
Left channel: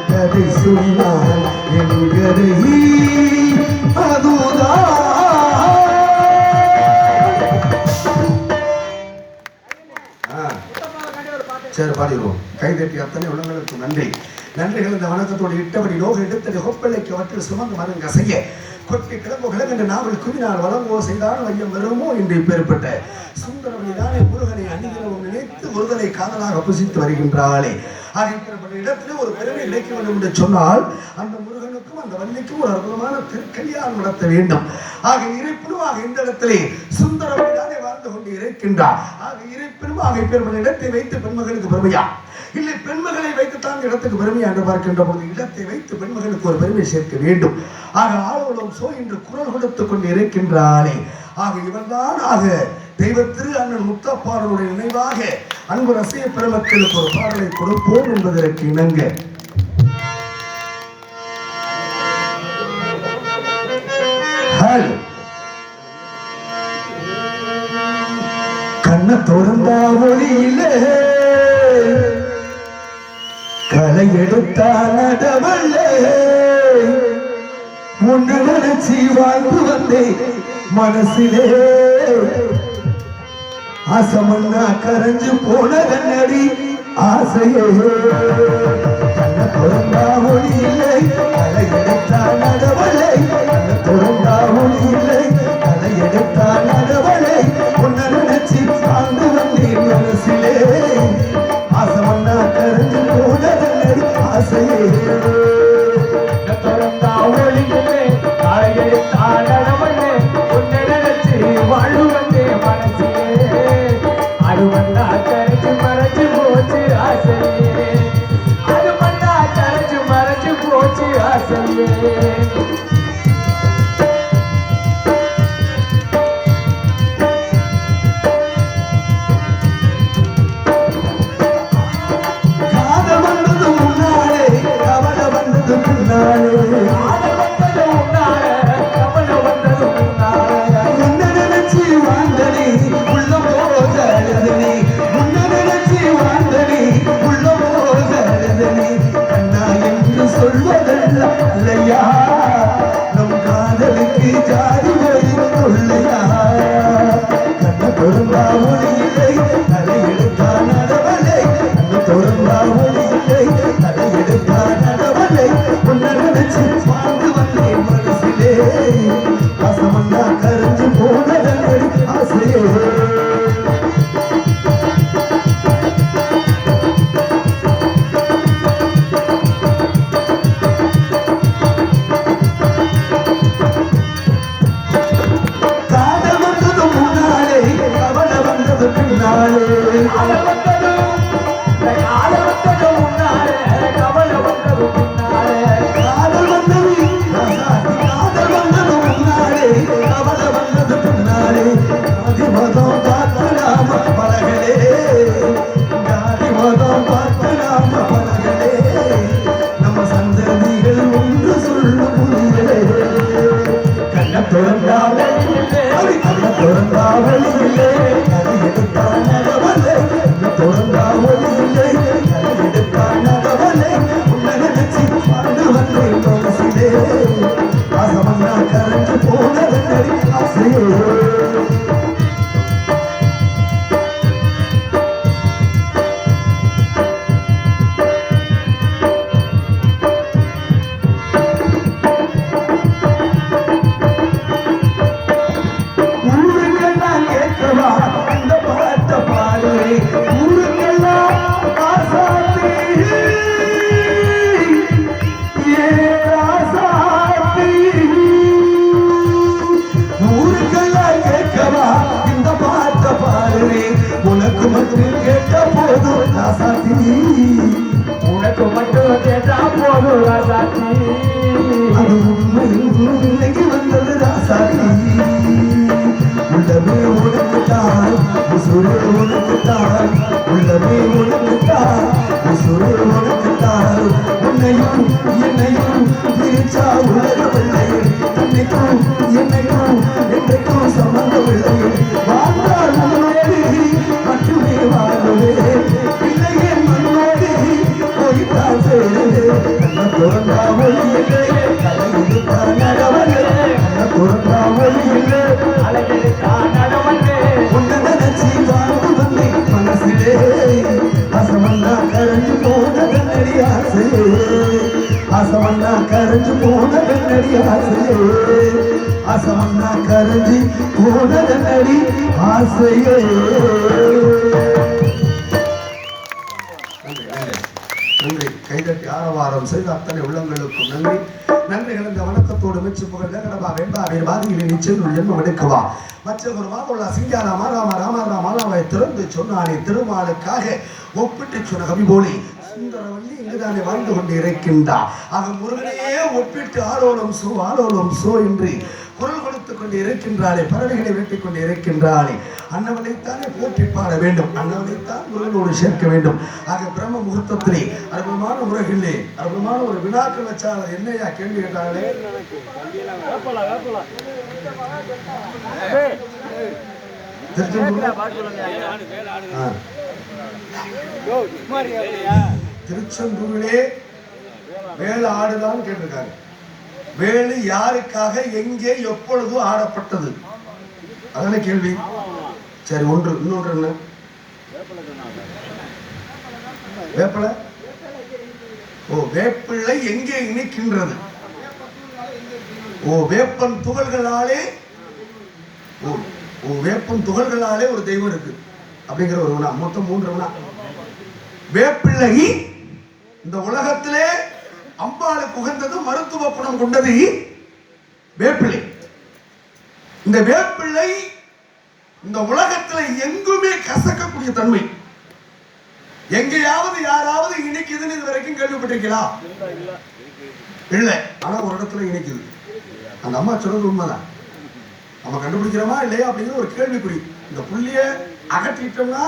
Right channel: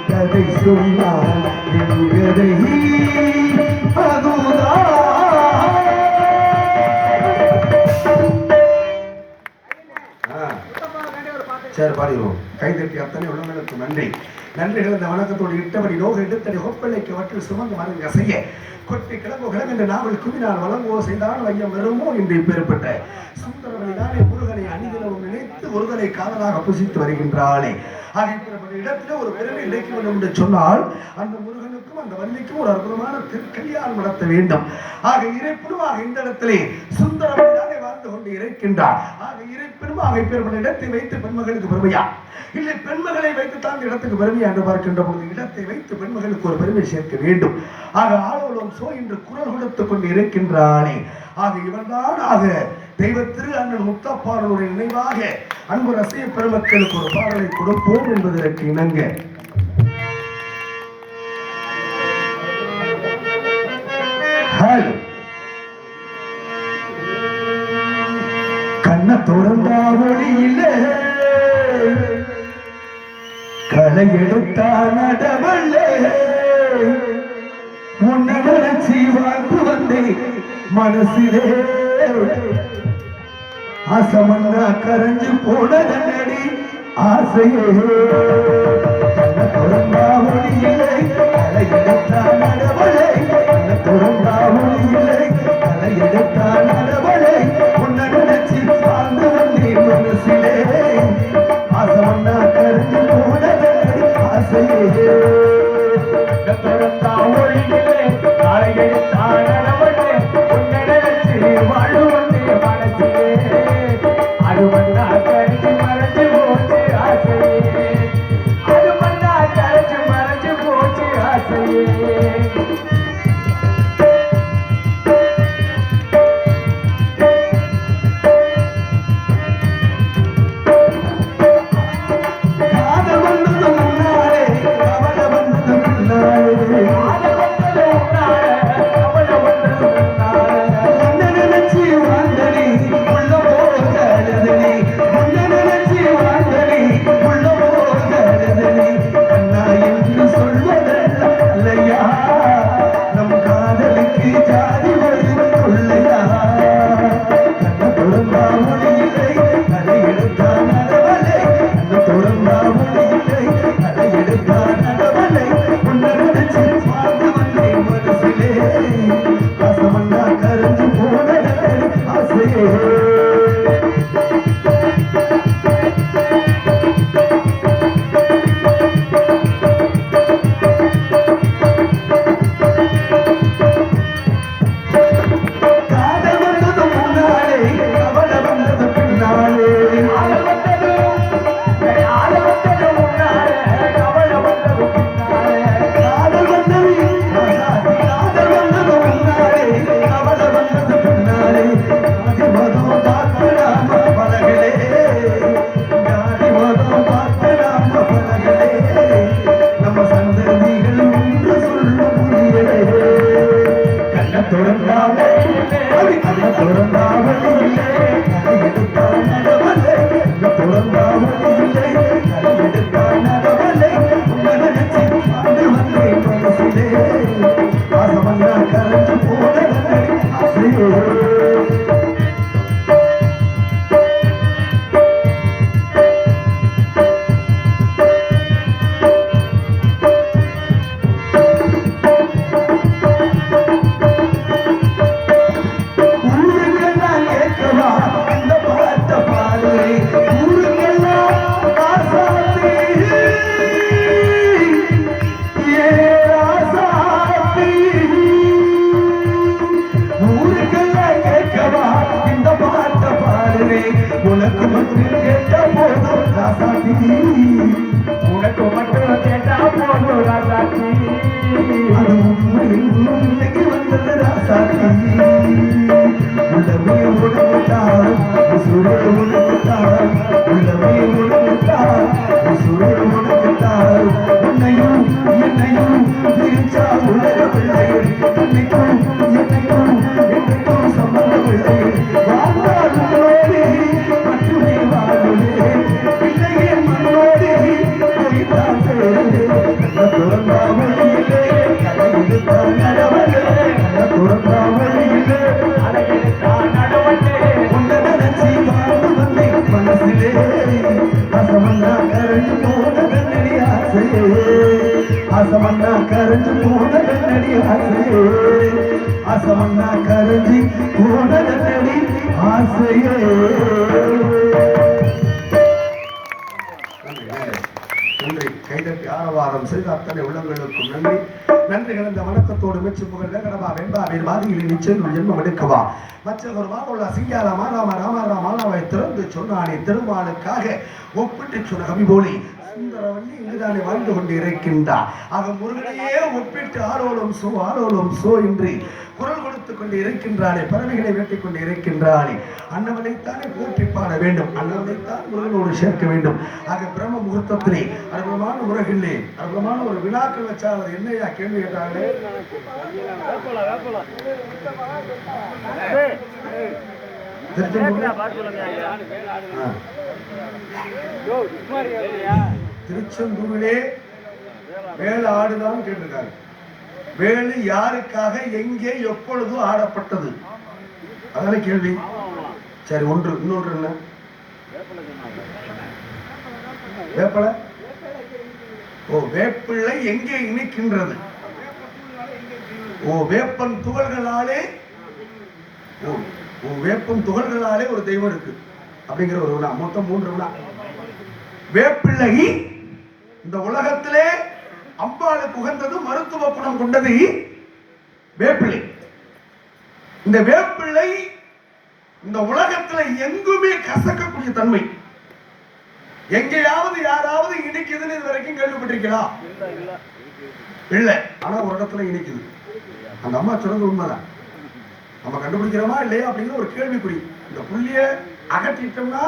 கரை சொன்னான் என்கதை அதுதான். சரி பாடிடுவோம். கைதட்டி அத்தனை உலகளுக்கு நன்றி. நன்றிகள் இந்த வணக்கத்தோடு இட்டபடி நோக எடுத்தடி ஹொப்பளைக்கு அவற்றில் சுமந்து மருங்க செய்ய கொட்டி கிளம்போ கிளம்பென்ற நாவல் குவினால் வளர்ந்தோ செய்தான வையம் வருமோ என்று பெறப்பட்ட சுந்தரவனிதானே முருகனை அணிகிறவும் நினைத்து ஒருதலை காதலாக புசித்து வருகின்றாளே. ஆக இடத்துல ஒரு பெருமை இழைக்க வேண்டும் என்று சொன்னால் அந்த முருகனுக்கும் அந்த வள்ளிக்கும் ஒரு அற்புதமான திருக்கல்யாணம் நடத்த வேண்டும். ஆக இறைப்பெருமாக இந்த இடத்திலே சுந்தரவடியானே வாழ்ந்து கொண்டு இருக்கின்றார். ஆக இறைப்பெருமாக இப்பேற்பட்ட இடத்தை வைத்து பெண்மகளுக்கு பெருமையா இல்லை பெண்மகளை வைத்துத்தான் இடத்துக்கு பெருமையா என்று பார்க்கின்ற பொழுது இடத்தை வைத்து பெண்மகளுக்கு ஒரு பெருமை சேர்க்க வேண்டும். ஆக ஆளோடும் சோ என்று குரல் கொடுத்துக் கொண்டு இருக்கின்றானே. ஆக இவன்தான் ஆக தெய்வ திரு அண்ணன் முத்தப்பாடலுடைய நினைவாக அன்பு ரசிக பெருமக்களுக்கு ஒரு பாடலை கொடுப்போம் என்பதற்கு இணங்க கண்ண திறந்தா ஒளியில களை எடுத்தா நடவல்ல உன்னை நினைச்சி வாழ்ந்து வந்தேன் மனசிலே ஆசமன்னா கரைஞ்சு போனதடி ஆசையே கண்ண திறந்தா ஒளியில்லை களை எடுத்தா நடவலை கண்ண திறந்தா ஒளியில்லை களை எடுத்தா நடவலை உன்னை நினைச்சி வாழ்ந்து வந்தேன் மனசிலே ஆசமன்னா கரைஞ்சு போனதடி ஆசையே நன்றி. கைதட்டி ஆரவாரம் செய்த அத்தனை உள்ளங்களுக்கும் நன்றி. நன்றி கலந்த வணக்கத்தோடு மெச்சு புகழ் கடவா வெம்பா பாதியில் நிச்சயம் ஜென்மம் எடுக்கவா மற்றவர் மாவுள்ள சிங்காரா மாராமா ராமரா மாலாவை திறந்து சொன்னானே திருமாலுக்காக ஒப்பிட்டு சொன்ன கவி போலி சுந்தரவல்லி இங்குதானே வாழ்ந்து கொண்டு இருக்கின்றார். அவன் முருகனையே ஒப்பிட்டு ஆளோடும் சோ என்று குரல் கொடுத்துக் கொண்டு இருக்கின்றாளே, பறவைகளை வெட்டிக் கொண்டு இருக்கின்றாளே. அன்னவனைத்தானே போற்றி பாட வேண்டும், அன்னவனைத்தான் முருகனோடு சேர்க்க வேண்டும். ஆக பிரம்ம முகூர்த்தத்திலே அற்புதமான முருகிலே அற்புதமான ஒரு வினாக்கள் வச்சால் என்னையா கேள்வி கேட்டாலே திருச்செந்தூரிலே வேலை ஆடுதான் கேட்டிருக்காரு. வேலு யாருக்காக எங்கே எப்பொழுது ஆடப்பட்டது அதான கேள்வி. சரி, ஒன்று. இன்னொன்று என்ன? வேப்பலை. வேப்பிள்ளை எங்கே இனிக்கின்றது? வேப்பன் துகள்களாலே வேப்பன் துகள்களாலே ஒரு தெய்வம் இருக்கு அப்படிங்கிற ஒரு வினா. மொத்தம் 3 வினா. வேப்பிள்ளை இந்த உலகத்திலே அம்பாளுக்கு உகந்தது, மருத்துவ குணம் கொண்டது வேப்பிள்ளை. இந்த வேப்பிள்ளை இந்த உலகத்துல எங்குமே கசக்கக்கூடிய தன்மை. எங்கேயாவது யாராவது இனிக்குதுன்னு இது வரைக்கும் கேள்விப்பட்டிருக்கலாம்? இல்லை. ஆனா ஒரு இடத்துல இனிக்குது. அந்த அம்மா சொல்றது உண்மைதான். நம்ம கண்டுபிடிக்கிறோமா இல்லையா அப்படிங்கிற ஒரு கேள்விக்குறி. இந்த புள்ளிய அகற்றிட்டோம்னா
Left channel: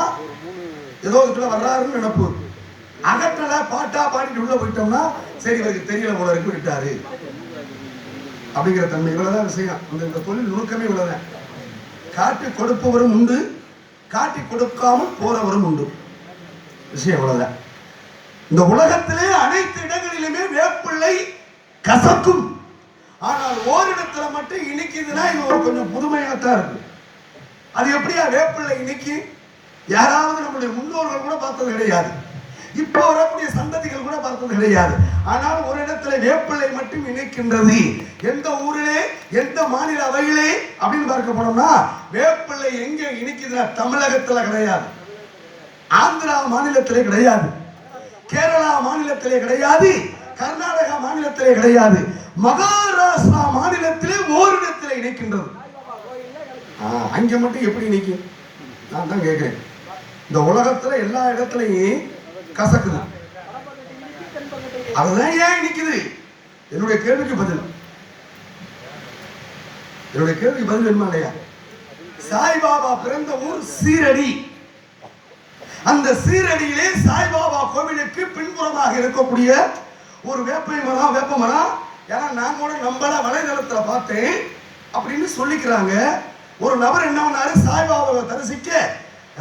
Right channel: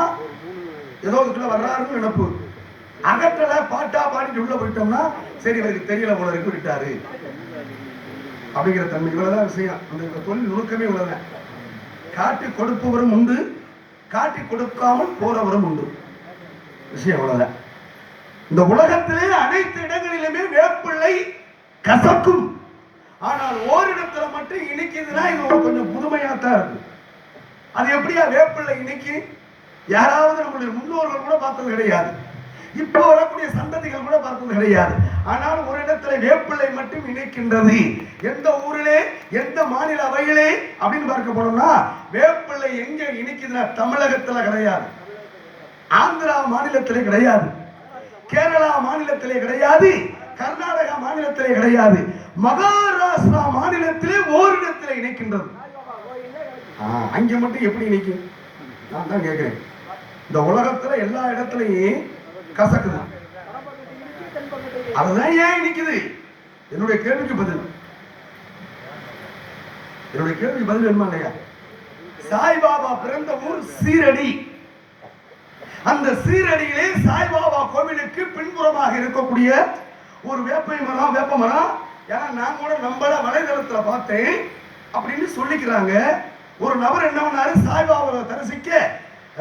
ஏதோ இதுக்குள்ள வர்றாருன்னு நினைப்பு. அகற்றல பாட்டா பாடிட்டு உள்ள போயிட்டோம்னா சரி இவருக்கு தெரியல போல இருக்கு விட்டாரு அப்படிங்கிற தன்மை. இவ்வளவுதான் விஷயம். இந்த தொழில் நுணுக்கமே இவ்வளவுதான். காட்டி கொடுப்பவரும் உண்டு, காட்டி கொடுக்காமல் போறவரும் உண்டு. விஷயம் இவ்வளவுதான். இந்த உலகத்திலே அனைத்து இடங்களிலுமே வேப்பிள்ளை கசக்கும். ஆனால் ஓரிடத்துல மட்டும் இனிக்குதுன்னா இது ஒரு கொஞ்சம் புதுமையாத்தான் இருக்கு. அது எப்படியா வேப்பிள்ளை இனிக்கு? யாராவது நம்முடைய முன்னோர்கள் கூட பார்த்தது கிடையாது. இப்போ வரக்கூடிய சந்ததிகள் கூட பார்த்தது கிடையாது. ஆனால் ஒரு இடத்துல வேப்பிள்ளை மட்டும் இணைக்கின்றது. எந்த ஊரிலே எந்த மாநில அவையிலே அப்படின்னு பார்க்க போனோம்னா வேப்பிள்ளை எங்க இணைக்குதுன்னா தமிழகத்துல கிடையாது, ஆந்திரா மாநிலத்திலே கிடையாது, கேரளா மாநிலத்திலே கிடையாது, கர்நாடகா மாநிலத்திலே கிடையாது, மகாராஷ்டிரா மாநிலத்திலே ஓரிடத்திலே இணைக்கின்றது. அங்க மட்டும் எப்படி இணைக்கும்? நான் தான் கேட்கிறேன். இந்த உலகத்துல எல்லா இடத்துலையும் கசக்குது. அதுதான் ஏன் இனிக்குது? என்னுடைய கேள்விக்கு பதில் என்ன இல்லையா? சாய்பாபா பிறந்த ஊர் சீரடி. அந்த சீரடியிலே சாய்பாபா கோவிலுக்கு பின்புறமாக இருக்கக்கூடிய ஒரு வேப்ப மரம். ஏன்னா நான் கூட நம்மள வலைதளத்துல பார்த்தேன் அப்படின்னு சொல்லிக்கிறாங்க. ஒரு நபர் என்ன பண்ணாரு, சாய்பாபாவை தரிசிக்க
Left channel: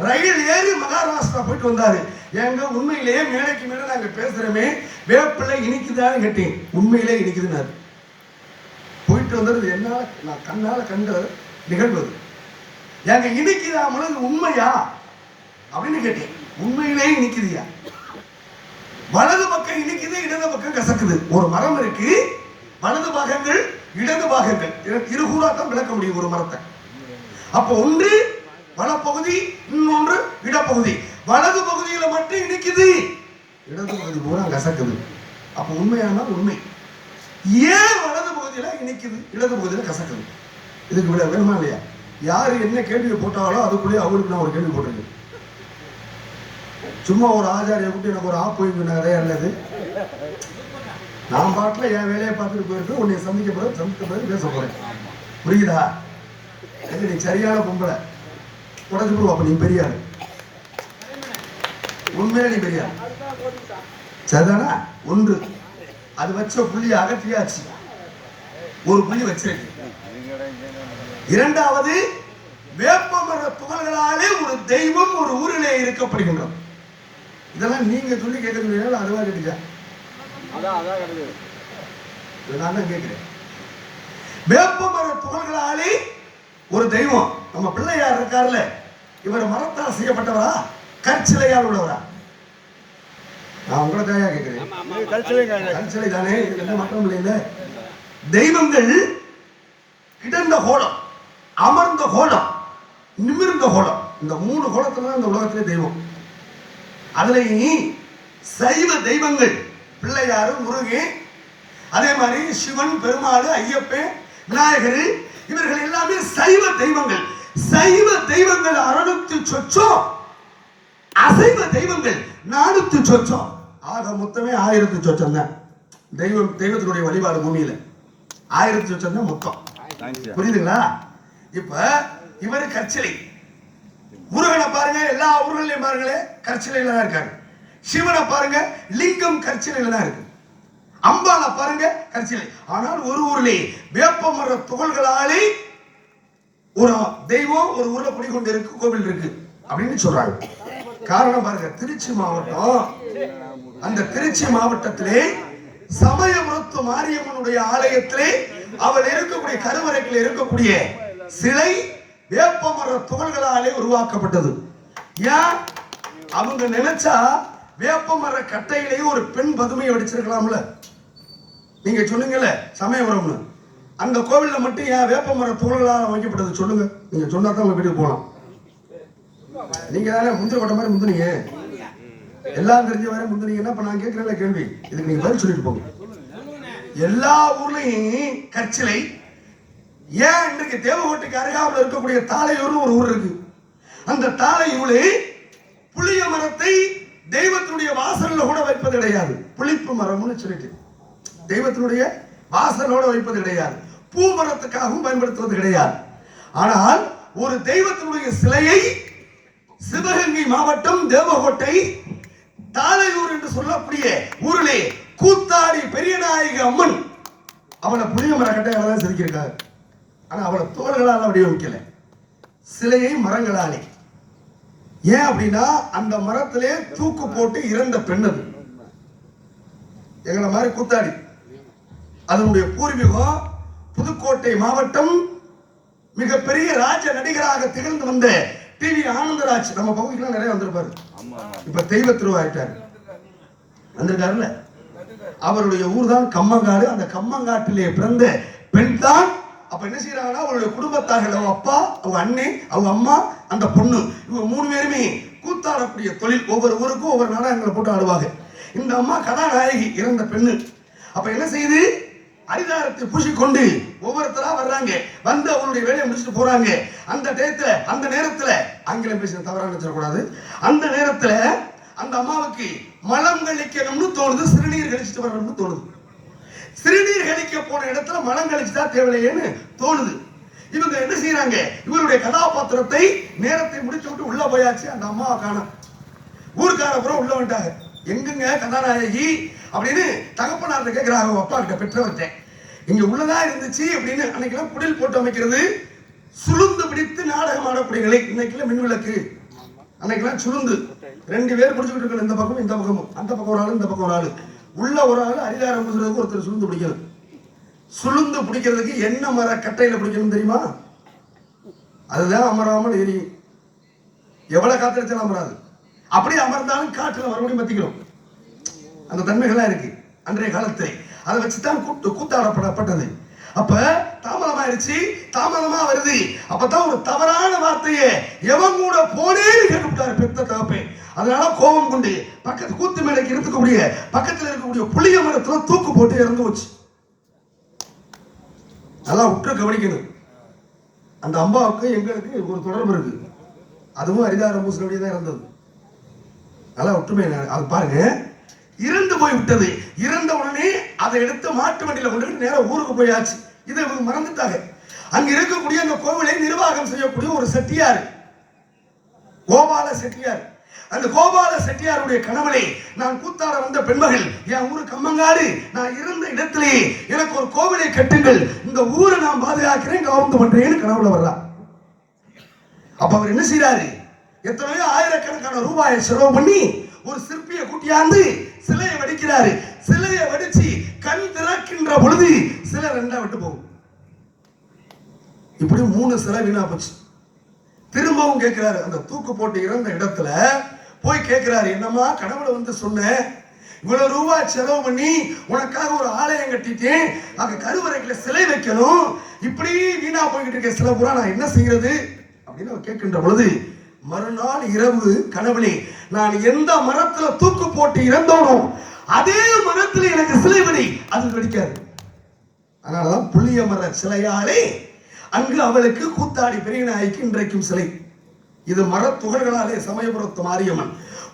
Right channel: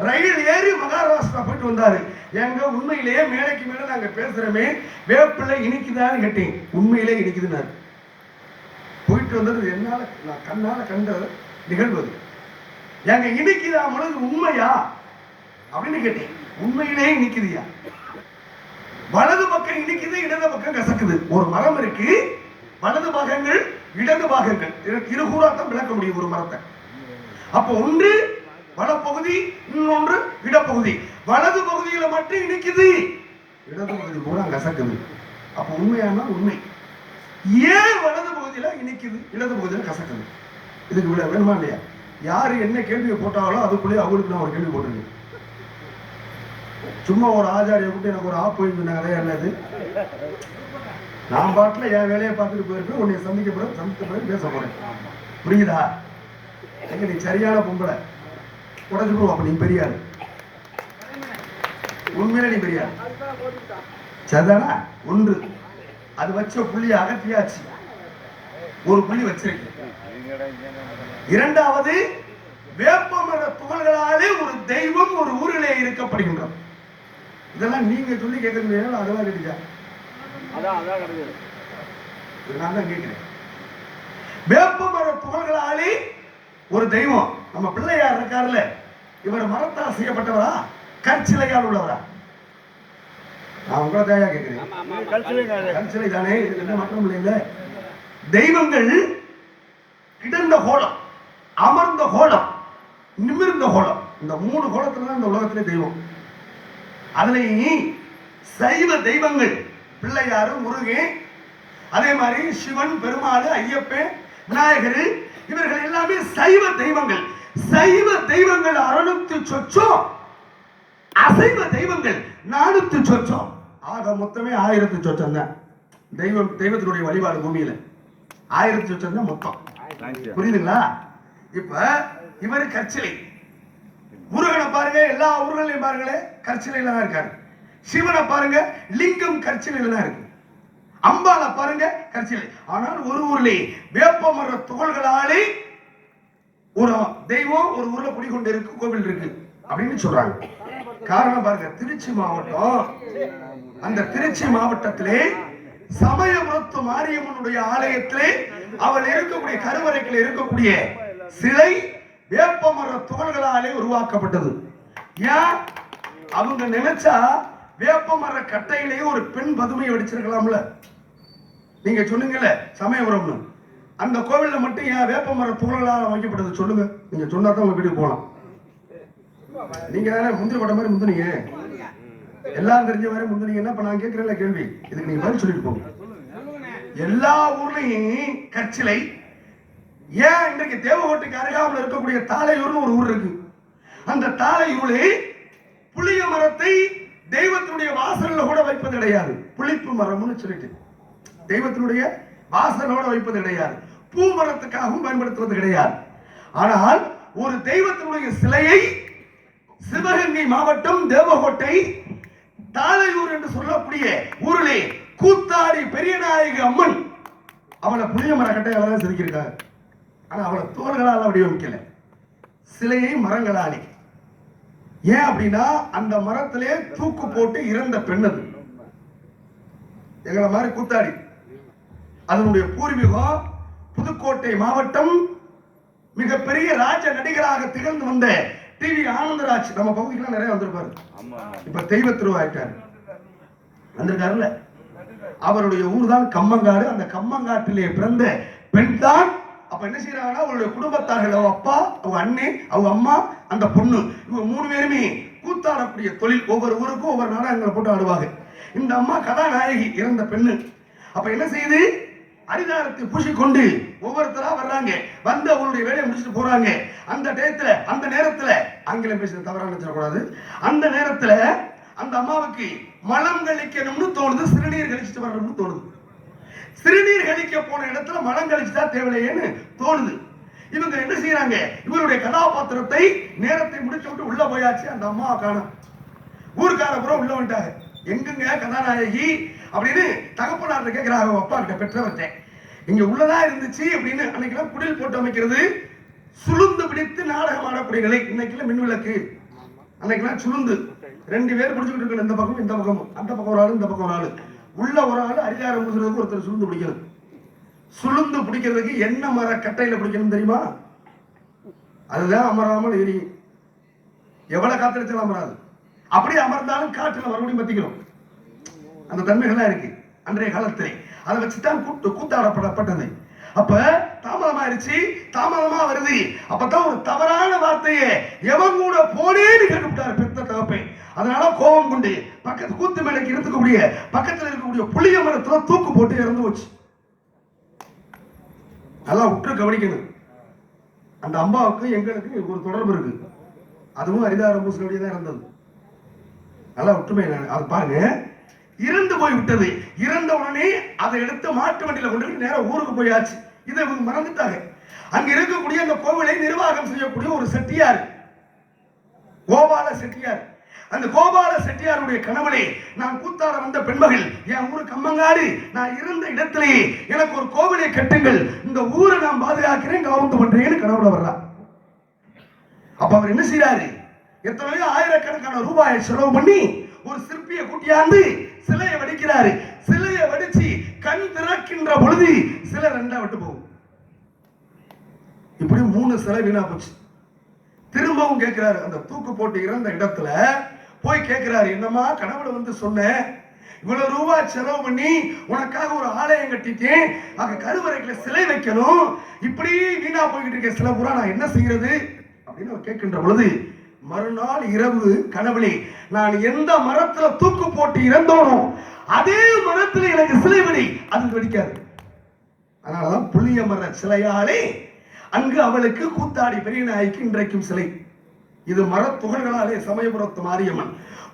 ரயில் ஏறி மகாராஷ்டிரா போயிட்டு வந்தாரு. எங்க உண்மையிலேயே மேடைக்கு மேல நாங்க பேசுறோமே வேப்பிள்ளை இனிக்குதான்னு கேட்டேன். உண்மையிலே இனிக்குதுன்னாரு. போயிட்டு வந்தது என்னால நான் கண்ணால கண்ட நிகழ்வு. எங்க இனிக்குதாமனது உண்மையா அப்படின்னு கேட்டேன். உண்மையிலே இனிக்குதுயா. வலது பக்கம் இனிக்குது, இடது பக்கம் கசக்குது. ஒரு மரம் இருக்கு, வலது பாகங்கள் இடது பாகங்கள் இருகூடாத்தான் விளக்க முடியும் ஒரு மரத்தை. அப்போ ஒன்று வலப்பகுதி, இன்னொன்று இடப்பகுதி. வலது பகுதியில மட்டும் இனிக்குது, இடது பகுதி பூரா கசக்குது. அப்ப உண்மையான உண்மை. ஏன் வலது பகுதியில இனிக்குது, இடது பகுதியில கசக்குது? இதுக்கு விட வேணுமா இல்லையா? யாரு என்ன கேள்வியை போட்டாங்களோ அதுக்குள்ளேயே அவங்களுக்கு நான் ஒரு கேள்வி போட்டிருக்கேன். சும்மா ஒரு ஆச்சாரிய கூட்டி எனக்கு ஒரு ஆப்பு கதையா என்னது? நான் பாட்டுல என் வேலையை பார்த்துட்டு போயிருக்கு. உன்னை சந்திக்க பிறகு பேச போறேன். புரியுதா? எங்க நீ சரியான பொம்பளை உடச்சு அப்ப நீ பெரியாரு. உண்மையில நீ பெரியாரு. சரிதானா? ஒன்று அது வச்ச புள்ளிய அகற்றியாச்சு, ஒரு புள்ளி வச்சிருக்கு. இரண்டாவது, வேப்பமர துகள்களாலே ஒரு தெய்வம் ஒரு ஊரிலே இருக்கப்படுகின்றோம். இதெல்லாம் நீங்க சொல்லி கேட்கறது அதுவா கேட்டுச்சா? நான் தான் கேட்கிறேன். வேப்பமர துகள்களாலே ஒரு தெய்வம். நம்ம பிள்ளையார் இருக்காருல்ல, இவர் மரத்தால் செய்யப்பட்டவரா கற்சிலையால் உள்ளவரா? நான் உங்களை தாயா கேட்கிறேன். கற்சிலை தானே, எந்த மாற்றம் இல்லை. தெய்வங்கள் கிடந்த கோலம், அமர்ந்த கோலம், நிமிர்ந்த கோலம், இந்த 3 கோலத்துல இந்த உலகத்திலே தெய்வம். அதுலேயும் சைவ தெய்வங்கள் பிள்ளையாரு, முருகன், அதே மாதிரி சிவன், பெருமாள், ஐயப்பன், விநாயகர், இவர்கள் எல்லாமே சைவ தெய்வங்கள். சைவ தெய்வங்கள் 600 சொச்சம், அசைவ தெய்வங்கள் 400 சொச்சம். ஆக மொத்தமே 1000 சொச்சம் தான் தெய்வத்தினுடைய வழிபாடு பூமியில. 1000 சொச்சம் தான் மொத்தம். புரியுதுங்களா? இப்ப இவரு கற்சிலை. முருகனை பாருங்க, எல்லா ஊர்களையும் பாருங்களே கற்சிலையில தான் இருக்காரு. சிவனை பாருங்க, லிங்கம் கற்சிலையில தான் இருக்கு. அம்பாளை பாருங்க, கற்சிலை. ஆனால் ஒரு ஊரிலே வேப்பமர துகள்களாலே ஒரு தெய்வம் ஒரு ஊர்ல குடிக்கொண்டு இருக்கு, கோவில் இருக்கு அப்படின்னு சொல்றாங்க. காரணம் பாருங்க, திருச்சி மாவட்டம். அந்த திருச்சி மாவட்டத்திலே சமயபுரத்து மாரியம்மனுடைய ஆலயத்திலே அவள் இருக்கக்கூடிய கருவறைகளில் இருக்கக்கூடிய சிலை வேப்பமர துகள்களாலே உருவாக்கப்பட்டது. ஏன்? அவங்க நினைச்சா வேப்பமர கட்டையிலேயே ஒரு பெண் பதுமையை வடிச்சிருக்கலாம்ல. நீங்க சொன்னீங்கல்ல சமயபுரம்னு, அந்த கோவில்ல மட்டும் ஏன் வேப்பமர துகள்களால் அமைக்கப்பட்டது சொல்லுங்க. நீங்க சொன்னா தான் உங்க வீட்டுக்கு போகலாம். நீங்க தானே முந்திரி கொட்ட மாதிரி முந்தினீங்க, எல்லாம் தெரிஞ்ச வரை முந்தினீங்கன்னா இப்ப நான் கேட்கிறேன் கேள்வி, இதுக்கு நீங்க பதில் சொல்லிட்டு போங்க. எல்லா ஊர்லயும் கற்சிலை. ஏன் இன்றைக்கு தேவகோட்டைக்கு அருகாமல் இருக்கக்கூடிய தாளையூர்னு ஒரு ஊர் இருக்கு. அந்த தாளையூரில் புளிய மரத்தை தெய்வத்தினுடைய வாசல்ல கூட வைப்பது கிடையாது. புளிப்பு மரம்னு சொல்லிட்டு தெய்வத்தினுடைய வாசலோட வைப்பது கிடையாது. பூ மரத்துக்காகவும் பயன்படுத்துவது கிடையாது. ஆனால் ஒரு தெய்வத்தினுடைய சிலையை சிவகங்கை மாவட்டம் தேவகோட்டை தாளையூர் என்று சொல்லக்கூடிய ஊரிலே கூத்தாடி பெரியநாயக அம்மன் அவளை புளிய மர கட்டையால தான் செதுக்கியிருக்காரு. ஆனா அவளை தோள்களால் அப்படியே வைக்கல, சிலையை மரங்களாலே. ஏன் அப்படின்னா அந்த மரத்திலே தூக்கு போட்டு இறந்த பெண் அது. எங்களை மாதிரி கூத்தாடி அதனுடைய பூர்வீகம் புதுக்கோட்டை மாவட்டம். மிகப்பெரிய ராஜ நடிகராக திகழ்ந்து வந்த டிவி ஆனந்தராஜ் நம்ம பகுதிக்கு நிறைய வந்திருப்பாரு. இப்ப தெய்வ திருவாயிட்டாரு வந்திருக்காருல்ல, அவருடைய ஊர் தான் கம்மங்காடு. அந்த கம்மங்காட்டிலே பிறந்த பெண் தான். அப்ப என்ன செய்யறாங்கன்னா அவருடைய குடும்பத்தார்கள், அவங்க அப்பா, அவங்க அண்ணே, அவங்க அம்மா, அந்த பொண்ணு, இவங்க 3 பேருமே கூத்தாடக்கூடிய தொழில். ஒவ்வொரு ஊருக்கும் ஒவ்வொரு நாடகங்களை போட்டு ஆடுவாங்க. இந்த அம்மா கதாநாயகி, இறந்த பெண்ணு. அப்ப என்ன செய்யுது, அரிதாரத்தை பூசிக்கொண்டு ஒவ்வொருத்தரா வர்றாங்க. வந்து அவங்களுடைய வேலையை முடிச்சுட்டு போறாங்க. அந்த டயத்துல, அந்த நேரத்துல, ஆங்கிலம் பேசுற தவறா நினைச்சிடக்கூடாது, அந்த நேரத்துல அந்த அம்மாவுக்கு மலம் கழிக்கணும்னு தோணுது, சிறுநீர் கழிச்சுட்டு வரணும்னு தோணுது. சிறுநீர் கழிக்க போன இடத்துல மலம் கழிச்சுட்டா தேவையில்லையேன்னு தோணுது. இவங்க என்ன செய்யறாங்க, இவருடைய கதாபாத்திரத்தை நேரத்தை முடிச்சு விட்டு உள்ள போயாச்சு. அந்த அம்மாவை காணோம். ஊருக்காரப்புறம் உள்ள வந்துட்டாங்க. எங்குங்க கதாநாயகி அப்படின்னு தகப்பனார்ட்ட கேட்கிறாங்க, அப்பா கிட்ட, பெற்றவர்கிட்ட. இங்க உள்ளதா இருந்துச்சு அப்படின்னு. அன்னைக்கெல்லாம் குடில் போட்டு அமைக்கிறது, சுளுந்து பிடித்து நாடகம் ஆடக்கூடிய நிலை. இன்னைக்கெல்லாம் மின்விளக்கு, அன்னைக்கெல்லாம் சுளுந்து 2 பேர் பிடிச்சுக்கிட்டு இருக்கணும், இந்த பக்கம் இந்த பக்கமும். அந்த பக்கம் ஒரு ஆளு, இந்த பக்கம் ஒரு ஆளு. உள்ள ஒரு ஆளு அரிதாரம் பிடிக்கிறதுக்கு ஒருத்தர் சுளுந்து பிடிக்கணும். சுளுந்து பிடிக்கிறதுக்கு என்ன மர கட்டையில பிடிக்கணும் தெரியுமா? அதுதான் அமராமல் எரியும். எவ்வளவு காத்திருச்சாலும் அமராது. அப்படியே அமர்ந்தாலும் காற்றுல மறுபடியும் பத்திக்கிறோம். அந்த தன்மைகள்லாம் இருக்கு அன்றைய காலத்தில். அதை வச்சுதான் கூத்தாடப்பட்டது. அப்ப தாமதமாயிருச்சு, தாமதமா வருது. அப்பதான் ஒரு தவறான வார்த்தையை எவன் கூட போனேன்னு கேட்டுவிட்டாரு பெத்த தகப்பேன். அதனால கோபம் கொண்டு பக்கத்து கூத்து மேலைக்கு இருக்கக்கூடிய பக்கத்தில் இருக்கக்கூடிய புளிய மரத்துல தூக்கு போட்டு இறந்து வச்சு. நல்லா உற்று கவனிக்கணும். அந்த அம்பாவுக்கு எங்களுக்கு ஒரு தொடர்பு இருக்கு. அதுவும் அரிதாரம் பூசணுடையதான் இருந்தது. நல்லா ஒற்றுமை. அது பாருங்க, இறந்து போய் விட்டது. இறந்த உடனே அதை எடுத்து மாட்டு வண்டியில கொண்டு நேரம் ஊருக்கு போயாச்சு. இதை இவங்க மறந்துட்டாங்க. அங்க இருக்கக்கூடிய அந்த கோவிலை நிர்வாகம் செய்யக்கூடிய ஒரு செட்டியார், கோபால செட்டியார். அந்த கோபால செட்டியாருடைய கணவனை, நான் கூத்தாட வந்த பெண்மகள், என் ஊரு கம்மங்காடு, நான் இருந்த இடத்திலே எனக்கு ஒரு கோவிலை கட்டுங்கள், இந்த ஊரை நான் பாதுகாக்கிறேன், கவர்ந்து பண்றேன்னு கனவுல வர்றார். அப்ப அவர் என்ன செய்யறாரு, எத்தனையோ ஆயிரக்கணக்கான ரூபாயை செலவு பண்ணி ஒரு சிற்பியை கூட்டியாந்து சிலையை வடிக்கிறாரு. சிலையை வடிச்சு கண் திறக்கின்ற பொழுது சிலை 2 விட்டு போகும். இப்படி 3 சிலை வீணா போச்சு. திரும்பவும் கேட்கிறாரு, அந்த தூக்கு போட்டு இறந்த இடத்துல போய் கேட்கிறாரு, என்னமா கனவுல வந்து சொன்னேன், இவ்வளவு ரூபாய் செலவு பண்ணி உனக்காக ஒரு ஆலயம் கட்டிட்டேன், அங்க கருவறைக்குள்ள சிலை வைக்கணும், இப்படி வீணா போய்கிட்டு இருக்க சிலை பூரா நான் என்ன செய்யறது அப்படின்னு அவர் கேட்கின்ற பொழுது, மறுநாள் இரவு கனவுலே நான் எந்த மரத்துல தூக்கு போட்டு இறந்தோனோ அதே மரத்துல எனக்கு சிலை வெடி, அது வெடிக்காது. அதனாலதான் புளிய மர சிலையாலே அங்கு அவளுக்கு கூத்தாடி பெரிய நாய்க்கு இன்றைக்கும் சிலை. இது மர துகள்களாலே சமயபுரத்து மாரியம்மன்,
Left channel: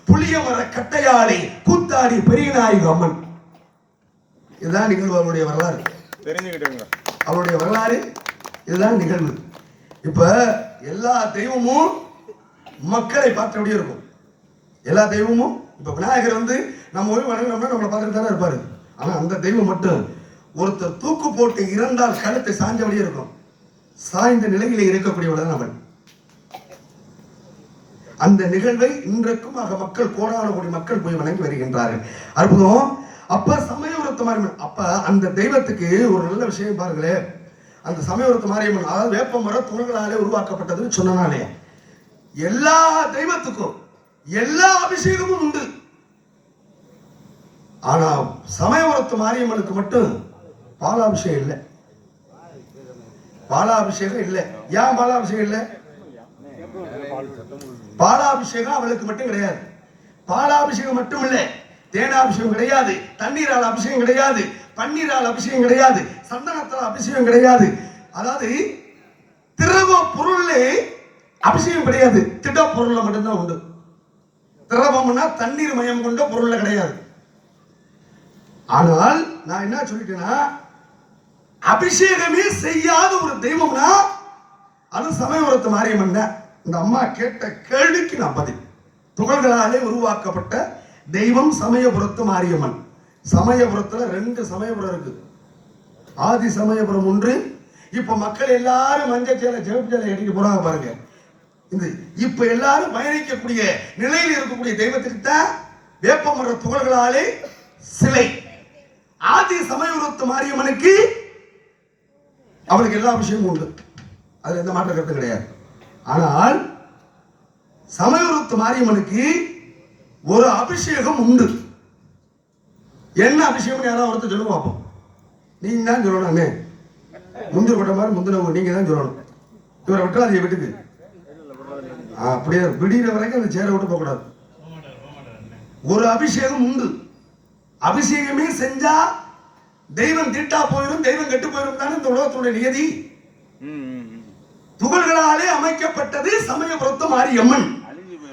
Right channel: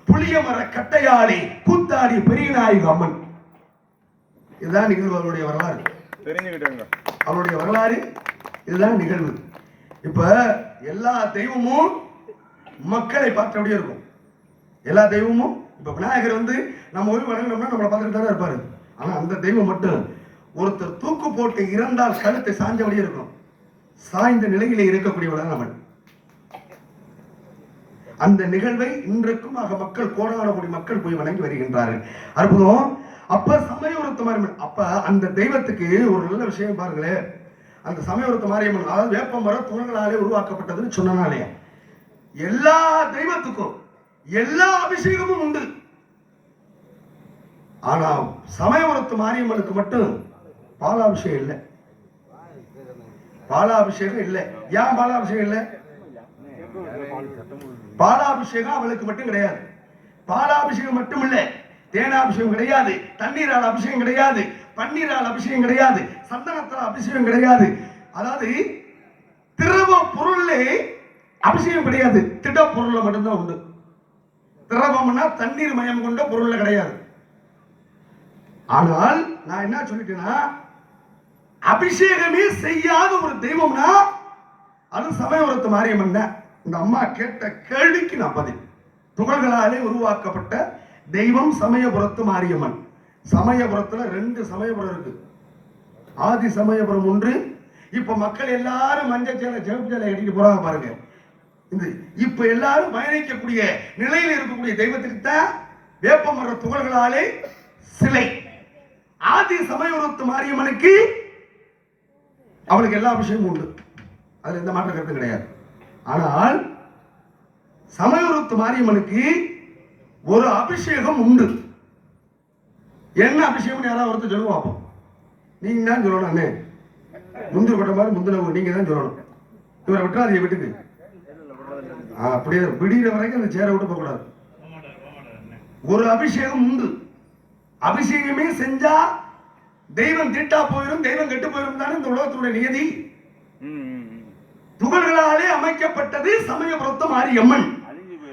புளிய மர கட்டையாலே கூத்தாடி பெரிய நாயகி அம்மன். இதுதான் நிகழ்வு. அவருடைய வரலாறு தெரிஞ்சுக்கிட்டேங்க. அவருடைய வரலாறு இதுதான் நிகழ்வு. இப்ப எல்லா தெய்வமும் மக்களை பார்த்தபடியே இருக்கும். எல்லா தெய்வமும் இப்ப விநாயகர் வந்து நம்ம போய் வணங்கினோம்னா நம்மளை பார்த்துட்டு தானே இருப்பாரு. ஆனா அந்த தெய்வம் மட்டும் ஒருத்தர் தூக்கு போட்டு இறந்தால் கழுத்தை சாஞ்சபடியே இருக்கும். சாய்ந்த நிலையிலே இருக்கக்கூடியவளன் அவன். அந்த நிகழ்வை இன்றைக்கும் மக்கள், கோடான கோடி மக்கள் போய் வணங்கி வருகின்றார்கள். அற்புதம். அப்ப சமயபுரத்து மாரியம்மன், அப்ப அந்த தெய்வத்துக்கு ஒரு நல்ல விஷயம் பாருங்களேன். அந்த சமயபுரத்து மாரியம்மன் அதாவது வேப்ப மர தூண்களாலே உருவாக்கப்பட்டதுன்னு சொன்னாலே எல்லா தெய்வத்துக்கும் எல்லா அபிஷேகமும் உண்டு. ஆனா சமயபுரத்து மாரியம்மனுக்கு மட்டும் பாலாபிஷேகம் இல்லை. பாலாபிஷேகம் இல்லை. ஏன் பாலாபிஷேகம் இல்லை? பாலாபிஷேகம் அவளுக்கு மட்டும் கிடையாது. பாலாபிஷேகம் மட்டும் இல்லை, தேனாபிஷேகம் கிடையாது, தண்ணீரால் அபிஷேகம் கிடையாது, பன்னீரால் அபிஷேகம் கிடையாது, சந்தனத்தால் அபிஷேகம் கிடையாது. அதாவது திரவ பொருளே அபிஷேகம் கிடையாது, திட பொருள்ல மட்டும்தான் உண்டு. திரவம்னா தண்ணீர் மயம் கொண்ட பொருள்ல கிடையாது. ஆனால் நான் என்ன சொல்லிட்டேன்னா, அபிஷேகமே செய்யாத ஒரு தெய்வம்னா அது சமயபுரத்து மாரியம்மன். இந்த அம்மா கேட்ட கேள்விக்கு நான் பதில். துகள்களாலே உருவாக்கப்பட்ட தெய்வம் சமயபுரத்து மாரியம்மன். சமயபுரத்துல 2 சமயபுரம் இருக்கு. ஆதி சமயபுரம் ஒன்று. இப்ப மக்கள் எல்லாரும் மஞ்சள் சேலை சிவப்பு சேலை கட்டிட்டு போறாங்க பாருங்க. இந்த இப்ப எல்லாரும் பயணிக்கக்கூடிய நிலையில் இருக்கக்கூடிய தெய்வத்துக்கு தான் வேப்பமர துகள்களாலே சிலை. ஆதி சமயபுரத்து மாரியம்மனுக்கு அவளுக்கு எல்லா விஷயமும் உண்டு, அது எந்த மாற்ற கருத்து கிடையாது. ஆனால் சமயபுரத்து மாரியம்மனுக்கு ஒரு அபிஷேகம் உண்டு. என்ன அபிஷேகம் யாராவது ஒருத்தர் சொல்லுங்க பார்ப்போம். நீங்க தான் சொல்லணும். முந்திர கொட்ட மாதிரி முந்தினவங்க நீங்க தான் சொல்லணும். இவரை விட்டாது வீட்டுக்கு அப்படியே விடிகிற வரைக்கும் அந்த சேரை விட்டு போக கூடாது. ஒரு அபிஷேகம் உண்டு. அபிஷேகமே செஞ்சா தெய்வம் திட்டா போயிடும், தெய்வம் கெட்டு போயிடும் தானே இந்த உலகத்துடைய நியதி. துகள்களாலே அமைக்கப்பட்டது சமயபுரத்து மாரியம்மன்.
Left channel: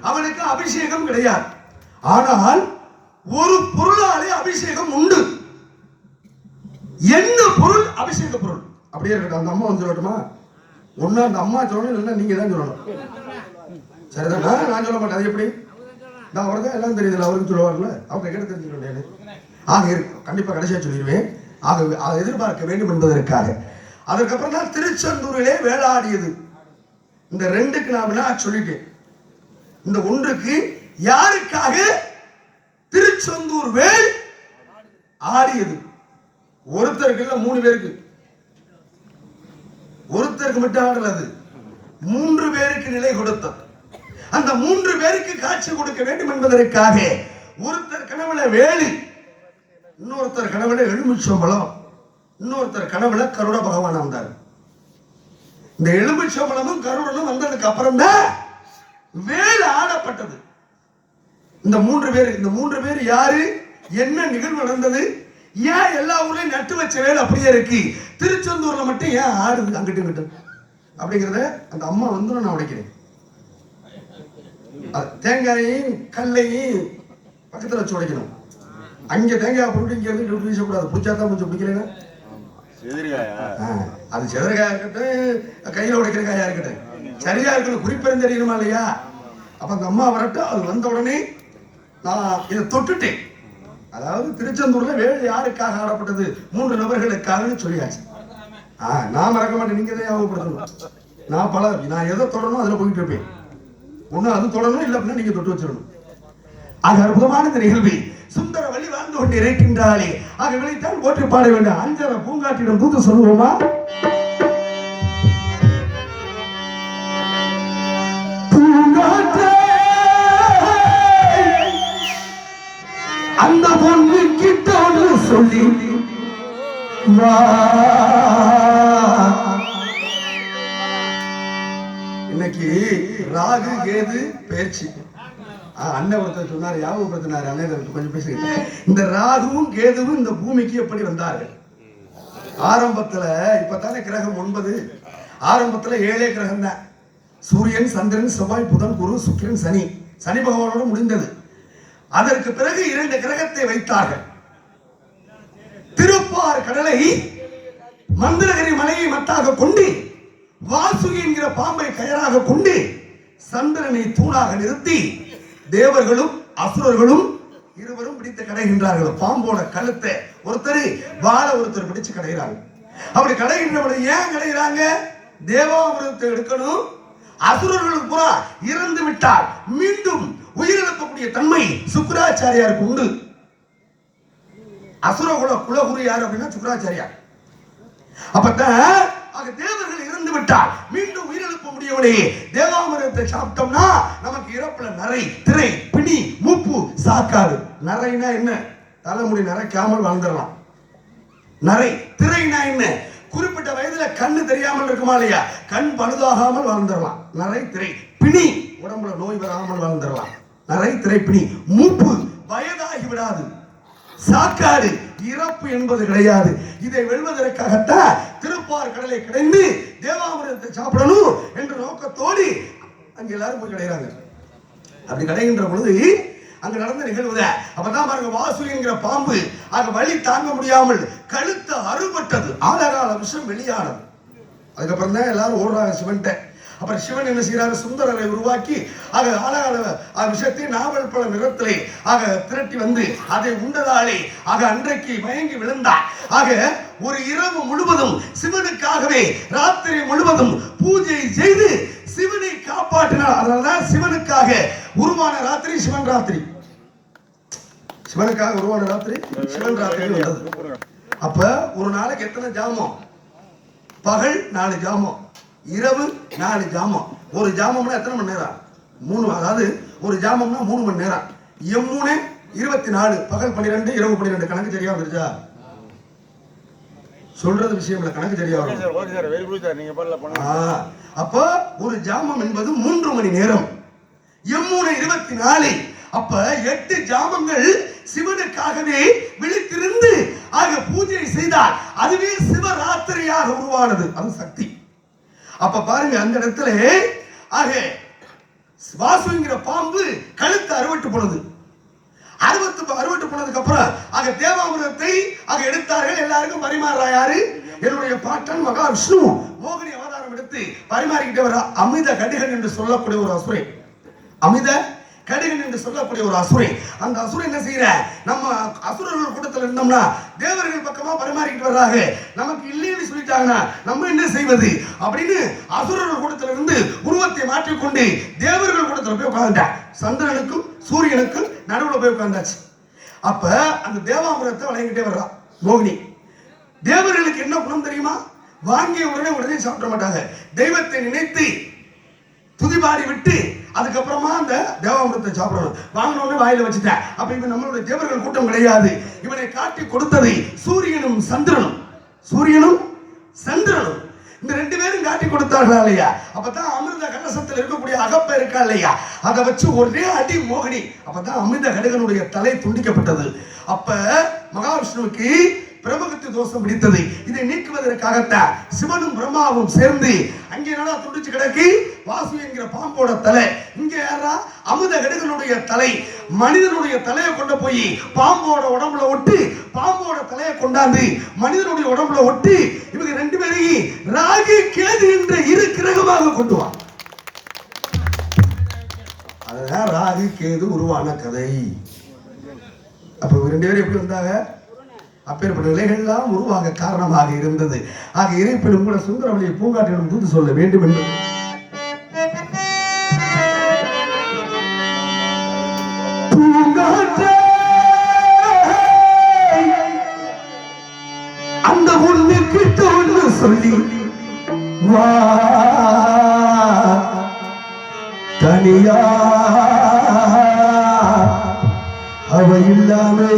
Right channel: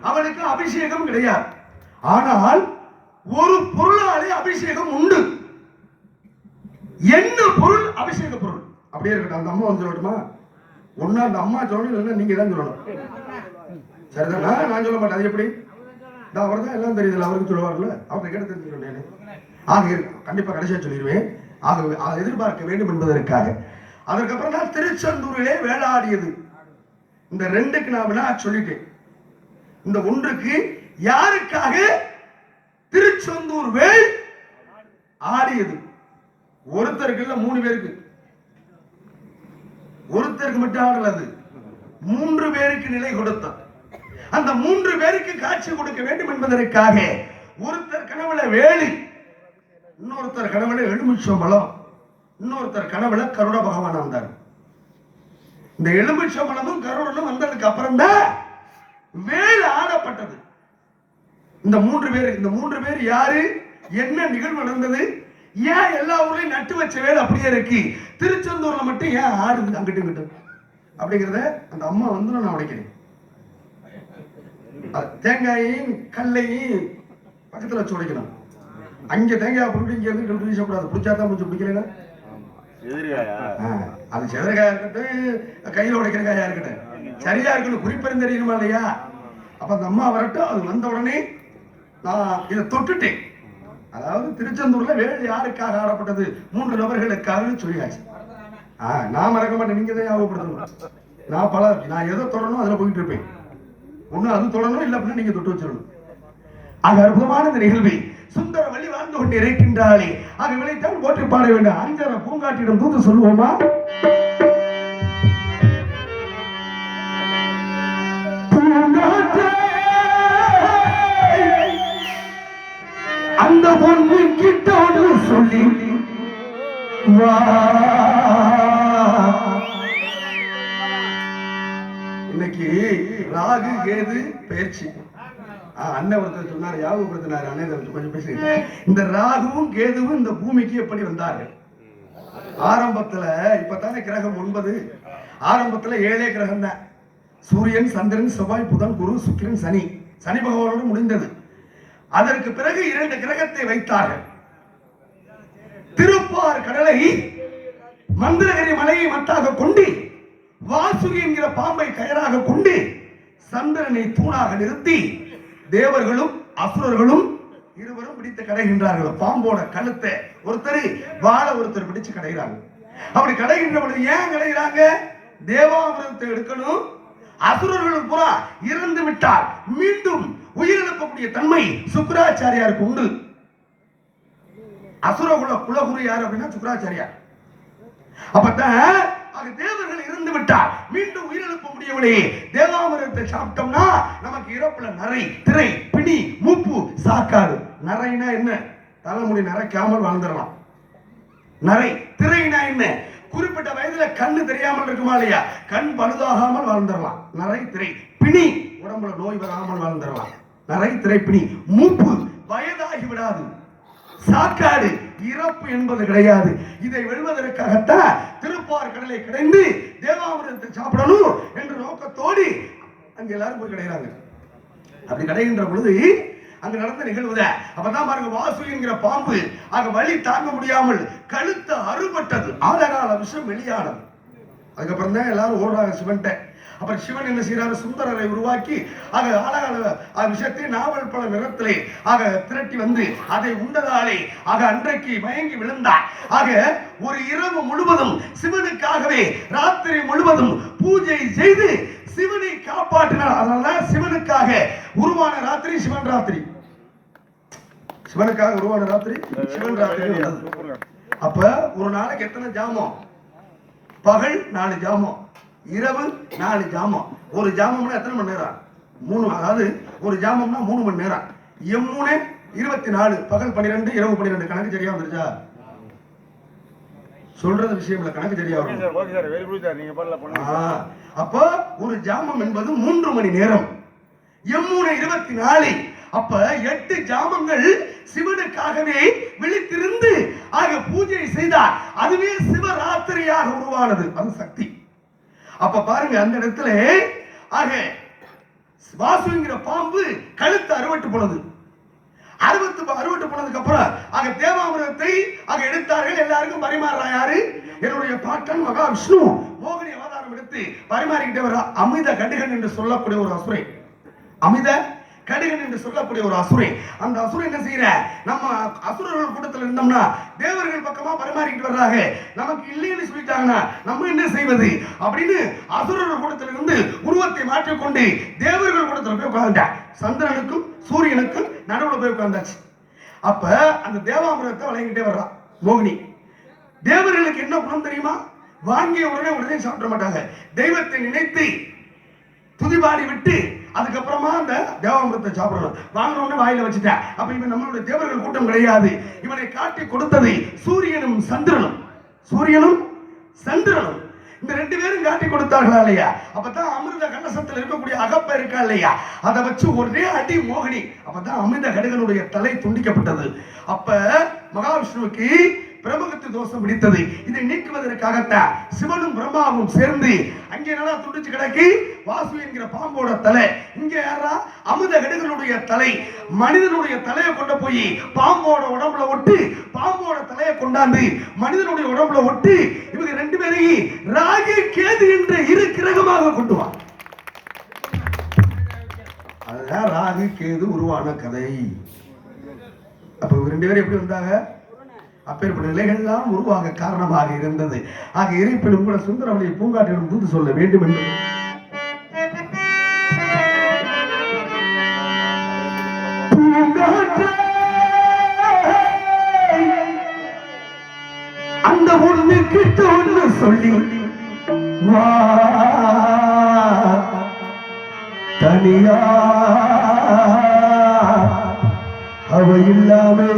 அவனுக்கு அபிஷேகம் கிடையாது. ஆனால் ஒரு பொருளாலே அபிஷேகம் உண்டு. என்ன பொருள்? அபிஷேக பொருள். அப்படியே இருக்கட்டும். அந்த அம்மா வந்து சொல்லட்டுமா? ஒன்னா அந்த அம்மா சொல்லணும், இல்லைன்னா நீங்க தான் சொல்லணும். சரிதானா? நான் சொல்ல மாட்டேன். அது எப்படி? அவர் தான் எல்லாம் தெரியுதுல்ல, அவருக்கு சொல்லுவாங்கல்ல, அவரை கேட்டு தெரிஞ்சுக்கணும். ஆக இருக்கு, கண்டிப்பா கடைசியா சொல்லிடுவேன். ஆக அதை எதிர்பார்க்க வேண்டும் என்பதற்காக. அதற்கப்புறம் தான் திருச்செந்தூரிலே வேளாடியது. இந்த 2க்கு நான் வினா சொல்லிட்டேன். இந்த 1க்கு யாருக்காக திருச்செந்தூர் வேல் ஆடியது? ஒருத்தருக்கு இல்ல, 3 பேருக்கு. ஒருத்தருக்கு மட்டும் ஆடல, அது 3 பேருக்கு நிலை கொடுத்த. அந்த 3 பேருக்கு காட்சி கொடுக்க வேண்டும் என்பதற்காக ஒருத்தர் கனவுல வேலு, இன்னொருத்தர் கனவுல எலுமிச்சம்பழம், இன்னொருத்தர் கனவுல கருட பகவான் வந்தார். இந்த எலுமிச்சம்பழமும் கருடனும் வந்ததுக்கு அப்புறம் தான் வேல் ஆடப்பட்டது. இந்த 3 பேர் யாரு? என்ன நிகழ்வு நடந்தது? ஏன் எல்லா ஊர்லயும் நட்டு வச்ச வேல் அப்படியே இருக்கு, திருச்செந்தூர்ல மட்டும் ஏன் ஆடுது அங்கிட்டு இங்கிட்டு அப்படிங்கிறத அந்த அம்மா வந்து நான் உடைக்கிறேன். தேங்காயையும் கல்லையும் பக்கத்துல வச்சு உடைக்கணும். அங்க தேங்காய் போட்டு இங்க இருந்து வீசக்கூடாது. பிடிச்சாதான் கொஞ்சம் பிடிக்கிறேங்க. அது செதறக்காயா இருக்கட்டும், கையில உடைக்கிற காயா இருக்கட்டும், சரியா இருக்கணும், குறிப்பெரும் தெரியணுமா இல்லையா? அப்ப அந்த அம்மா வரட்டும். அது வந்த உடனே நான் இதை தொட்டுட்டேன். அதாவது திருச்செந்தூர்ல வேல் யாருக்காக ஆடப்பட்டது? 3 நபர்களுக்காக சொல்லியாச்சு. நான் மறக்க மாட்டேன், நீங்க தான் ஞாபகப்படுத்தணும். நான் எதை தொடரணும் அதுல போயிட்டு இருப்பேன். ஒண்ணு அது தொடரணும், இல்ல அப்படின்னா நீங்க தொட்டு வச்சிடணும். ஆக அற்புதமான இந்த நிகழ்வை சுந்தர வழி வாழ்ந்து கொண்டு இருக்கின்றாளே, ஆக விளைத்தான் போற்றி பாட வேண்டும். அஞ்சர பூங்காட்டிடம் தூது சொல்லுவோமா? அந்த பொண்ணு கிட்ட சொல்லி இன்னைக்கு ராகு கேது பயிற்சி. அண்ணன் ஒருத்தர் சொன்னார், ஞாபகப்படுத்தினார் அண்ணன் கொஞ்சம் பேசுங்க. இந்த ராகுவும் கேதுவும் இந்த பூமிக்கு எப்படி வந்தார்கள்? ஆரம்பத்துல இப்பதானே கிரகம் 9, ஆரம்பத்துல 7 கிரகம் தான். சூரியன், சந்திரன், செவ்வாய், புதன், குரு, சுக்கிரன், சனி. சனி பகவானோடு முடிந்தது. அதற்கு பிறகு 2 கிரகத்தை வைத்தார்கள். திருப்பார் கடலை மந்திரகிரி மலையை மத்தாக கொண்டு, வாசுகி என்கிற பாம்பை கயராக கொண்டு, சந்திரனை தூணாக நிறுத்தி தேவர்களும் அசுரர்களும் இருவரும் பிடித்து கடைகின்றார்கள். பாம்போட கழுத்தை ஒருத்தர், வாழை ஒருத்தர் பிடிச்சு கடைகிறாங்க. அப்படி கடைகின்ற பொழுது ஏன் கடைகிறாங்க? தேவாமிரதத்தை எடுக்கணும். அசுரர்களும் புறா இறந்து விட்டால் மீண்டும் உயிரிழக்கக்கூடிய தன்மை சுக்கிராச்சாரியாருக்கு உண்டு. அசுரகுல குலகுரு யார் அப்படின்னா சுக்கிராச்சாரியார். அப்பதான் தேவர்கள் இறந்து விட்டால் மீண்டும் உயிரிழக்க முடியவில்லை. தேவாமிரதத்தை சாப்பிட்டோம்னா நமக்கு இறப்புல நரை, திரை, பிணி, மூப்பு, சாக்காடு. நரைனா என்ன? தலைமுடி நரைக்காமல் வாழ்ந்துடலாம். நரை, திரைனா என்ன? குறிப்பிட்ட வயதுல கண்ணு தெரியாமல் இருக்குமா இல்லையா? கண் பழுதாகாமல் வாழ்ந்துடலாம். நரை, திரை. பிணி, உடம்புல நோய் வராமல் வாழ்ந்துடலாம். நரை, திரை, பிணி. மூப்பு, வயதாகி விடாது. சாக்காடு, இறப்பு என்பது கிடையாது. இதை வெல்வதற்காகத்தான் திருப்பார் கடலை கிடைந்து தேவாமிரதத்தை சாப்பிடணும் என்ற நோக்கத்தோடு அங்க எல்லாரும் போய் கிடையாது. அப்படி கிடைக்கின்ற பொழுது அங்க நடந்த நிகழ்வுத அப்பதான் பாருங்க, வாசு என்கிற பாம்பு அங்க வலி தாங்க முடியாமல் கழுத்து அறுபட்டது. ஆழகால விஷம் வெளியானது. அதுக்கப்புறம் தான் எல்லாரும் ஓடுறாங்க சிவன்ட்ட. அப்புறம் சிவன் என்ன செய்யறாரு? சுந்தரரை உருவாக்கி ஆழகால விஷயத்தை நாவல் பல நிறத்திலே திரட்டி வந்து அதை உண்டதாலே அன்றைக்கு மயங்கி விழுந்தார். ஒரு இரவு முழுவதும் சிவனுக்காகவே ராத்திரி முழுவதும் பூஜை செய்து சிவனை காப்பாற்றினார். அதனாலதான் சிவனுக்காக உருவான ராத்திரி சிவன் ராத்திரி. சிவனுக்காக உருவான ராத்திரி சிவன் ராத்திரி உள்ளது. அப்ப ஒரு நாளைக்கு எத்தனை ஜாமம்? பகல் 4 ஜாமம், இரவு 4 ஜாமம். ஒரு ஜாமம்னா எத்தனை மணி நேரம்? 3. அதாவது ஒரு ஜாமம்னா 3 மணி நேரம். எம்3 24, பகல் 12, இரவு 12. கணக்கு சரியா வந்துருச்சா? சொல்றது விஷயம் இல்ல, கணக்கு சரியா வரும். அப்ப ஒரு ஜாமம் என்பது 3 மணி நேரம். எம்3 24. அப்ப 8 ஜாமங்கள் சிவனுக்காகவே விழித்திருந்து பூஜை செய்தார். அதுவே சிவராத்திரியாக உருவானது. அது சக்தி. அப்ப பாருங்க, அந்த இடத்துல வாசுங்கிற பாம்பு கழுத்து அறுவட்டு போனது. அறுவட்டு போனதுக்கு அப்புறம் தேவாமிரதத்தை எடுத்தார்கள். எல்லாருக்கும் பரிமாறா யாரு? என்னுடைய பாட்டன் மகாவிஷ்ணு மோகினி அவதாரம் எடுத்து பரிமாறிக்கிட்டே வர அமித கடிகன் என்று சொல்லக்கூடிய ஒரு அசுரை. அமித கடிகன் என்று சொல்லக்கூடிய ஒரு அசுரை. அந்த அசுரை என்ன செய்யற? நம்ம அசுரர்கள் கூட்டத்தில் இருந்தோம்னா தேவர்கள் பக்கமா பரிமாறிக்கிட்டு வர்றாங்க, நமக்கு இல்லைன்னு சொல்லிட்டாங்கன்னா நம்ம என்ன செய்வது அப்படின்னு அசுரர்கள் கூட்டத்தில் இருந்து உருவத்தை மாற்றிக்கொண்டு தேவர்கள் கூட்டத்தில் போய் உட்கார்ந்தார். சந்திரனுக்கும் சூரியனுக்கும் நடுவில் போய் உட்கார்ந்தாச்சு. அப்ப அந்த தேவாமிரதத்தை வழங்கிட்டே வர்றா மோகினி. தேவர்களுக்கு என்ன குணம் தெரியுமா? வாங்கிய உடனே சாப்பிட மாட்டாங்க. தெய்வத்தை நினைத்து துதிபாடி விட்டு அதுக்கப்புறமா அந்த தேவாமிரதத்தை சாப்பிடணும். வாங்கினோன்னு வாயில வச்சுட்டேன். அப்ப இது நம்மளுடைய தேவர்கள் கூட்டம் கிடையாது. இவனை காட்டி கொடுத்தது சூரியனும் சந்திரனும். சூரியனும் சந்திரனும் இந்த 2 பேரும் காட்டி கொடுத்தார்களா இல்லையா? அப்பதான் அமிர்த கலசத்தில் இருக்கக்கூடிய அகப்ப இருக்கா இல்லையா, அதை வச்சு ஒரே அடி மோகினி. அப்பதான் அமிர்த கடிகனுடைய தலை துண்டிக்கப்பட்டது. அப்ப மகாவிஷ்ணுவுக்கு பிரம்மகத்தி தோஷம் பிடித்தது. இதை நீக்குவதற்காகத்தான் சிவனும் பிரம்மாவும் சேர்ந்து அங்கே என்னடா துண்டிச்சு கிடக்கு? வாசு என்கிற பாம்போட தலை. இங்க யாரா? அமிர்த கடிகனுடைய தலை. மனிதனுடைய தலையை கொண்டு போய் பாம்போட உடம்புல ஒட்டி, பாம்போட தலையை கொண்டாந்து மனிதனுடைய உடம்புல ஒட்டி, இவங்க 2 பேரையும் ராகு கேது என்ற 2 கிரகமாக கொண்டு வா. அதுதான் ராகு கேது உருவான கதை. அப்ப 2 பேரும் எப்படி இருந்தாங்க? அப்பேற்பட்ட நிலைகள்லாம் உருவாக காரணமாக இருந்தது. இருப்பினும் கூட சுந்தரவழியை பூங்காற்றிடம் தூது சொல்ல வேண்டும் என்று அந்த ஒண்ணு கிட்ட ஒண்ணு சொல்லி வா தனியா அவ இல்லாமே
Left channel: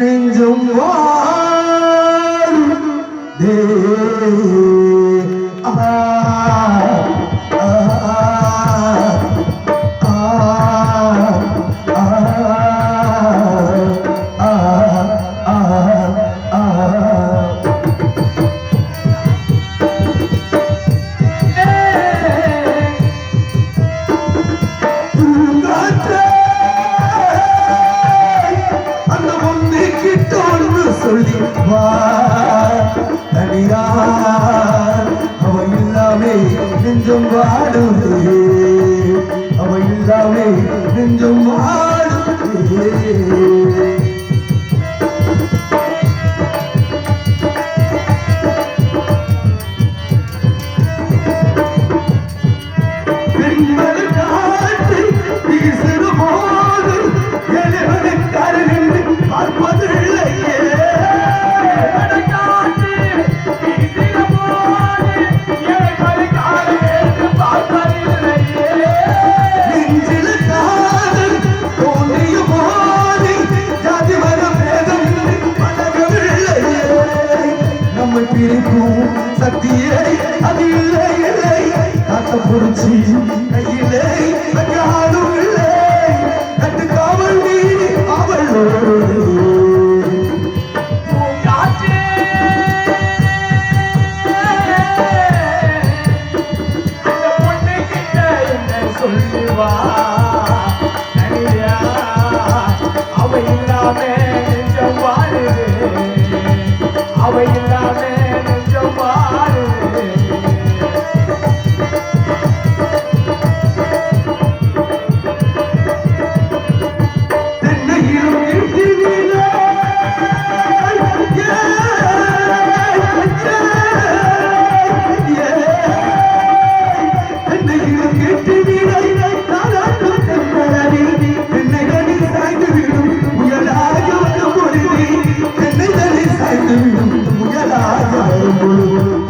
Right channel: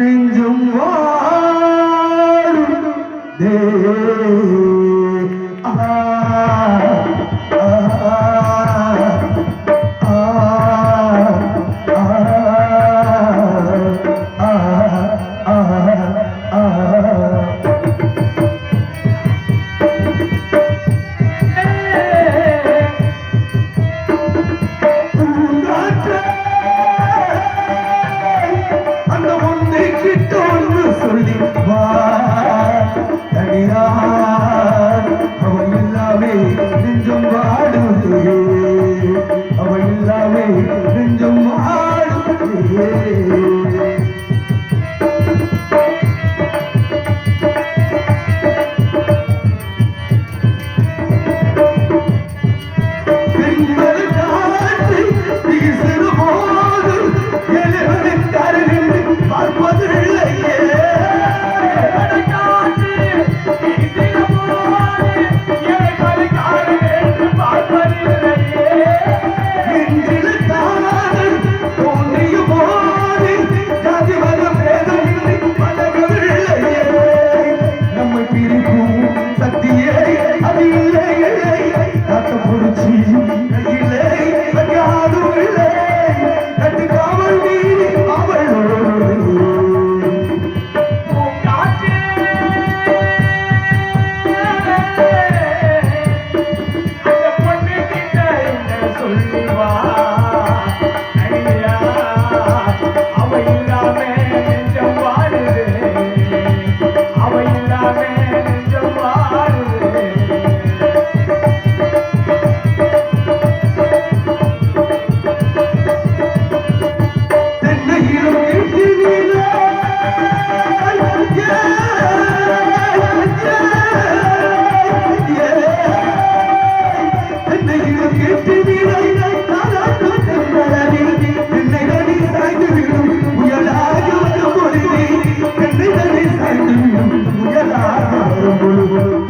நெஞ்சம் வாழுதே. கிட்ட ஒன்று சொல்லி வா தனியா அவ இல்லாமே நெஞ்சம் வாடுதே அவ இல்லாமே நெஞ்சம் வாடுதே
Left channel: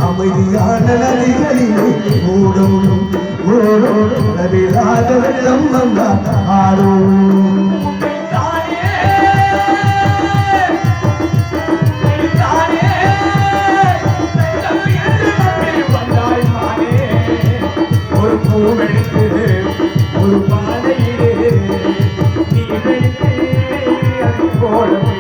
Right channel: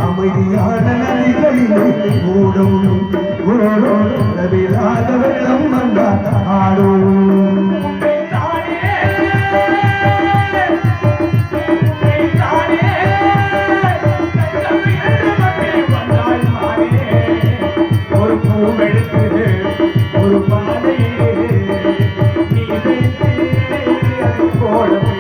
அமைதியான நதிகளிலே ஓடும் ஓடும் நதிலாத வெள்ளம் வந்தால் ஆடும் ஒரு பூவெடுத்து ஒரு பாதையிலே நீ எடுத்து அதை போடவே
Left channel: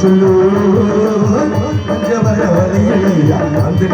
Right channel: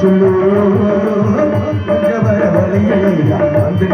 சொல்லு வர வழியில் வந்து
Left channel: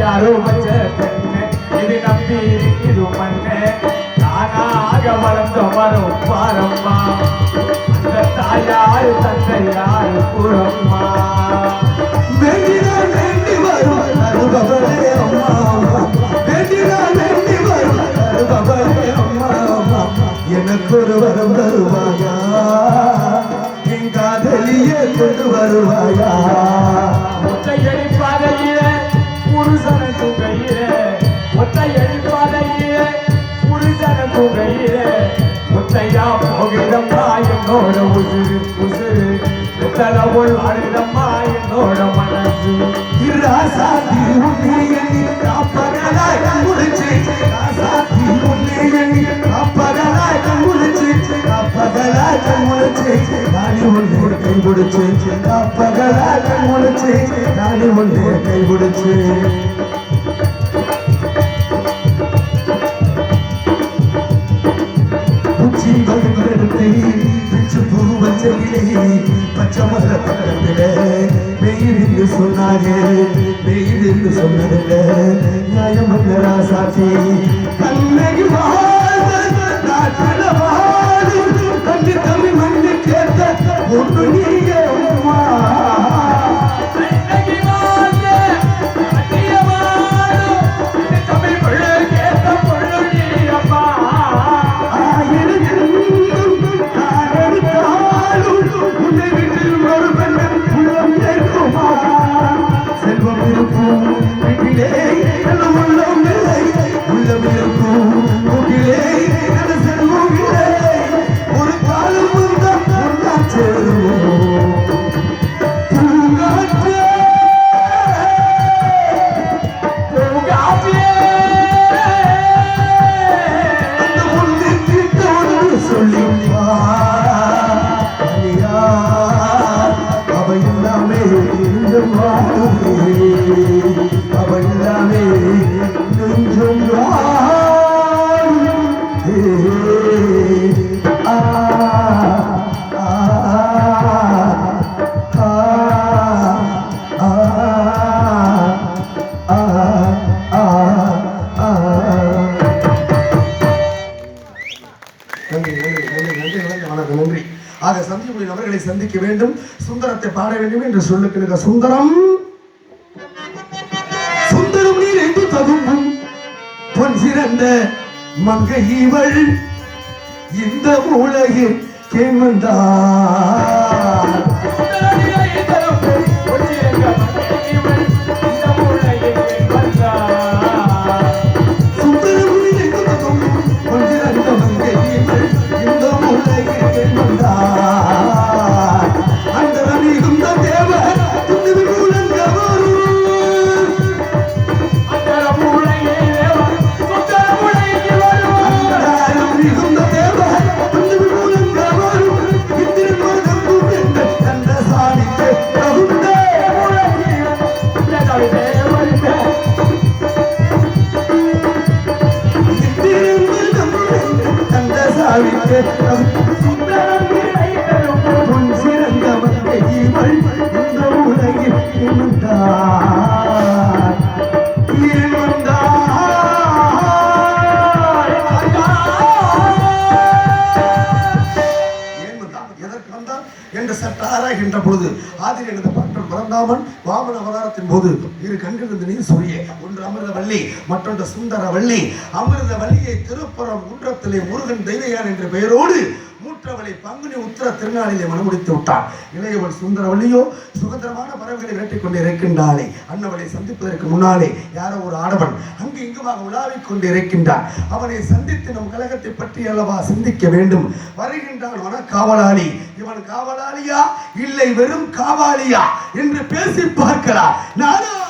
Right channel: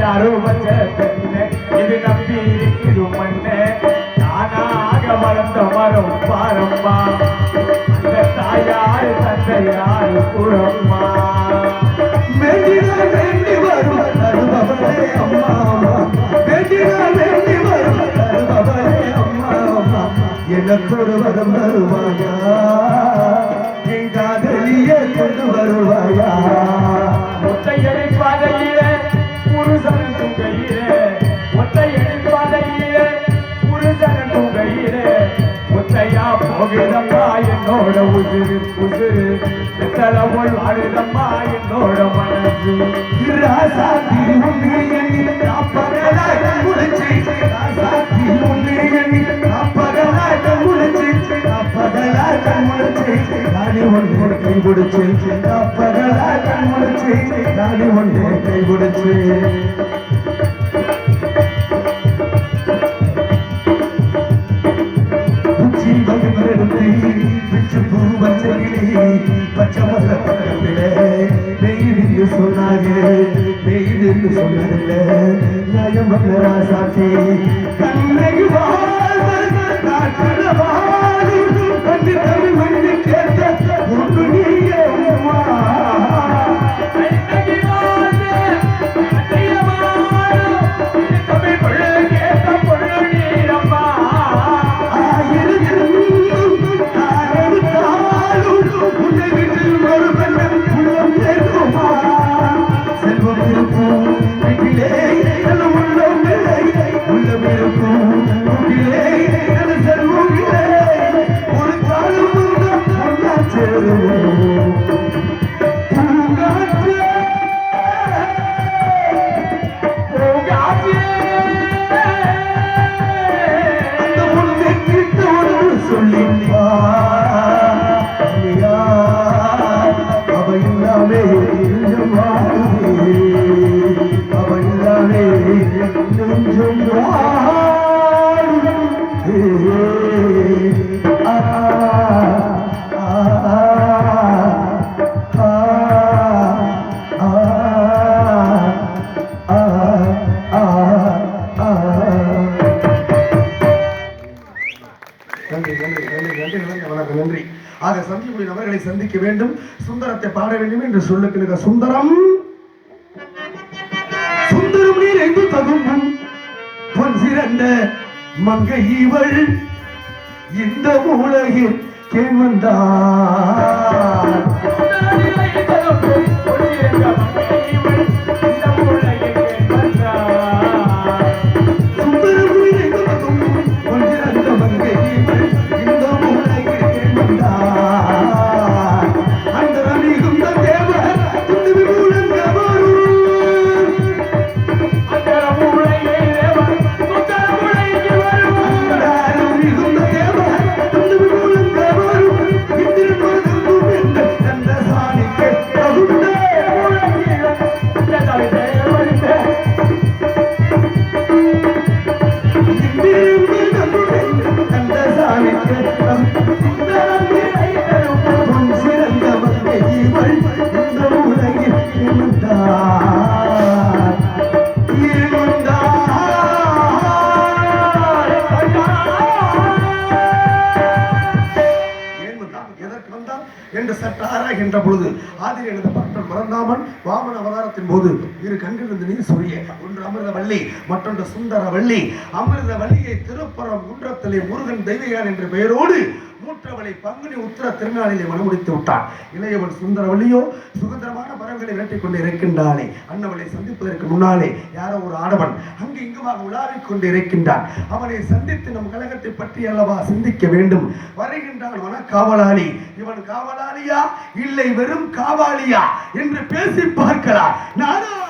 யாரோ இது நம்பி இருக்குது மண்ணே தானாக வளர்ந்த வரும் பாரம்மா அந்த தாயார் தந்தை யாரு குரம்மா வேண்டி வரும் அனுபவரே அம்மா வேண்டி வரும் அனுபவரே அம்மா எனக்கு ஒரு வரம் தருவாயா என்னோட உசுறு உசுறு கடவுள் அழுதம்மா என்னோட மனசு ராசாத்தி உன்னை எண்ணி காப்பகலாய் முடிச்சு ராசாத்தி உன்னை எண்ணி காப்பகலாய் முடிச்சு காப்பகலாய் முடிச்சு நானே ஒன்னே கை பிடிச்சு காப்பகலாய் முடிச்சு நானே ஒன்னே கை பிடிச்சு பச்சை மரத்திலே வெயிலின்னு சொன்னாங்க வெயிலின்னு சொன்னதில்ல நியாயம் ராசாச்சி கண்ணகி கண்ணி தமிழ் மண்ணு கேட்ட ஒன்று நீங்க நன்றி. ஆக சந்தியுடைய நபர்களை சந்திக்க வேண்டும், சுந்தரத்தை பாட வேண்டும் என்று சொல்லுகிற சுந்தரம் சுந்தரம் நீர் எங்கு தகுமும் பொன் சிறந்த மங்கை இவள் இந்த உலகில் கேவந்தார் பொழுது ஆதியில் எழுத பட்டம் பரந்தாமன் வாமன அவதாரத்தின் போது இரு கண்களிலிருந்து நீர் சொரிய ஒன்று அமிர்தவல்லி மற்றொன்று சுந்தரவல்லி. அமிர்தவல்லியை திருப்புறம் குன்றத்திலே முருகன் தெய்வயான் என்ற பெயரோடு மூற்றவளை பங்குனி உத்திர திருநாளிலே மனமுடித்து விட்டான். இளையவள் சுந்தரவல்லியோ சுதந்திரமான பறவைகளை வேட்டிக் கொண்டு இருக்கின்றாளே. அன்னவளை சந்திப்பதற்கு முன்னாலே யாரோ ஒரு ஆடவன் அங்கு இங்குமாக உலாவிக் கொண்டு இருக்கின்றான். அவனை சந்தித்து நம் கழகத்தை பற்றி அல்லவா சிந்திக்க வேண்டும். வருகின்றான் வனக்காவலாளி. இவன் காவலாளியா இல்லை வெறும் காவாலியா என்று பேசி பார்க்கலாம். நானும்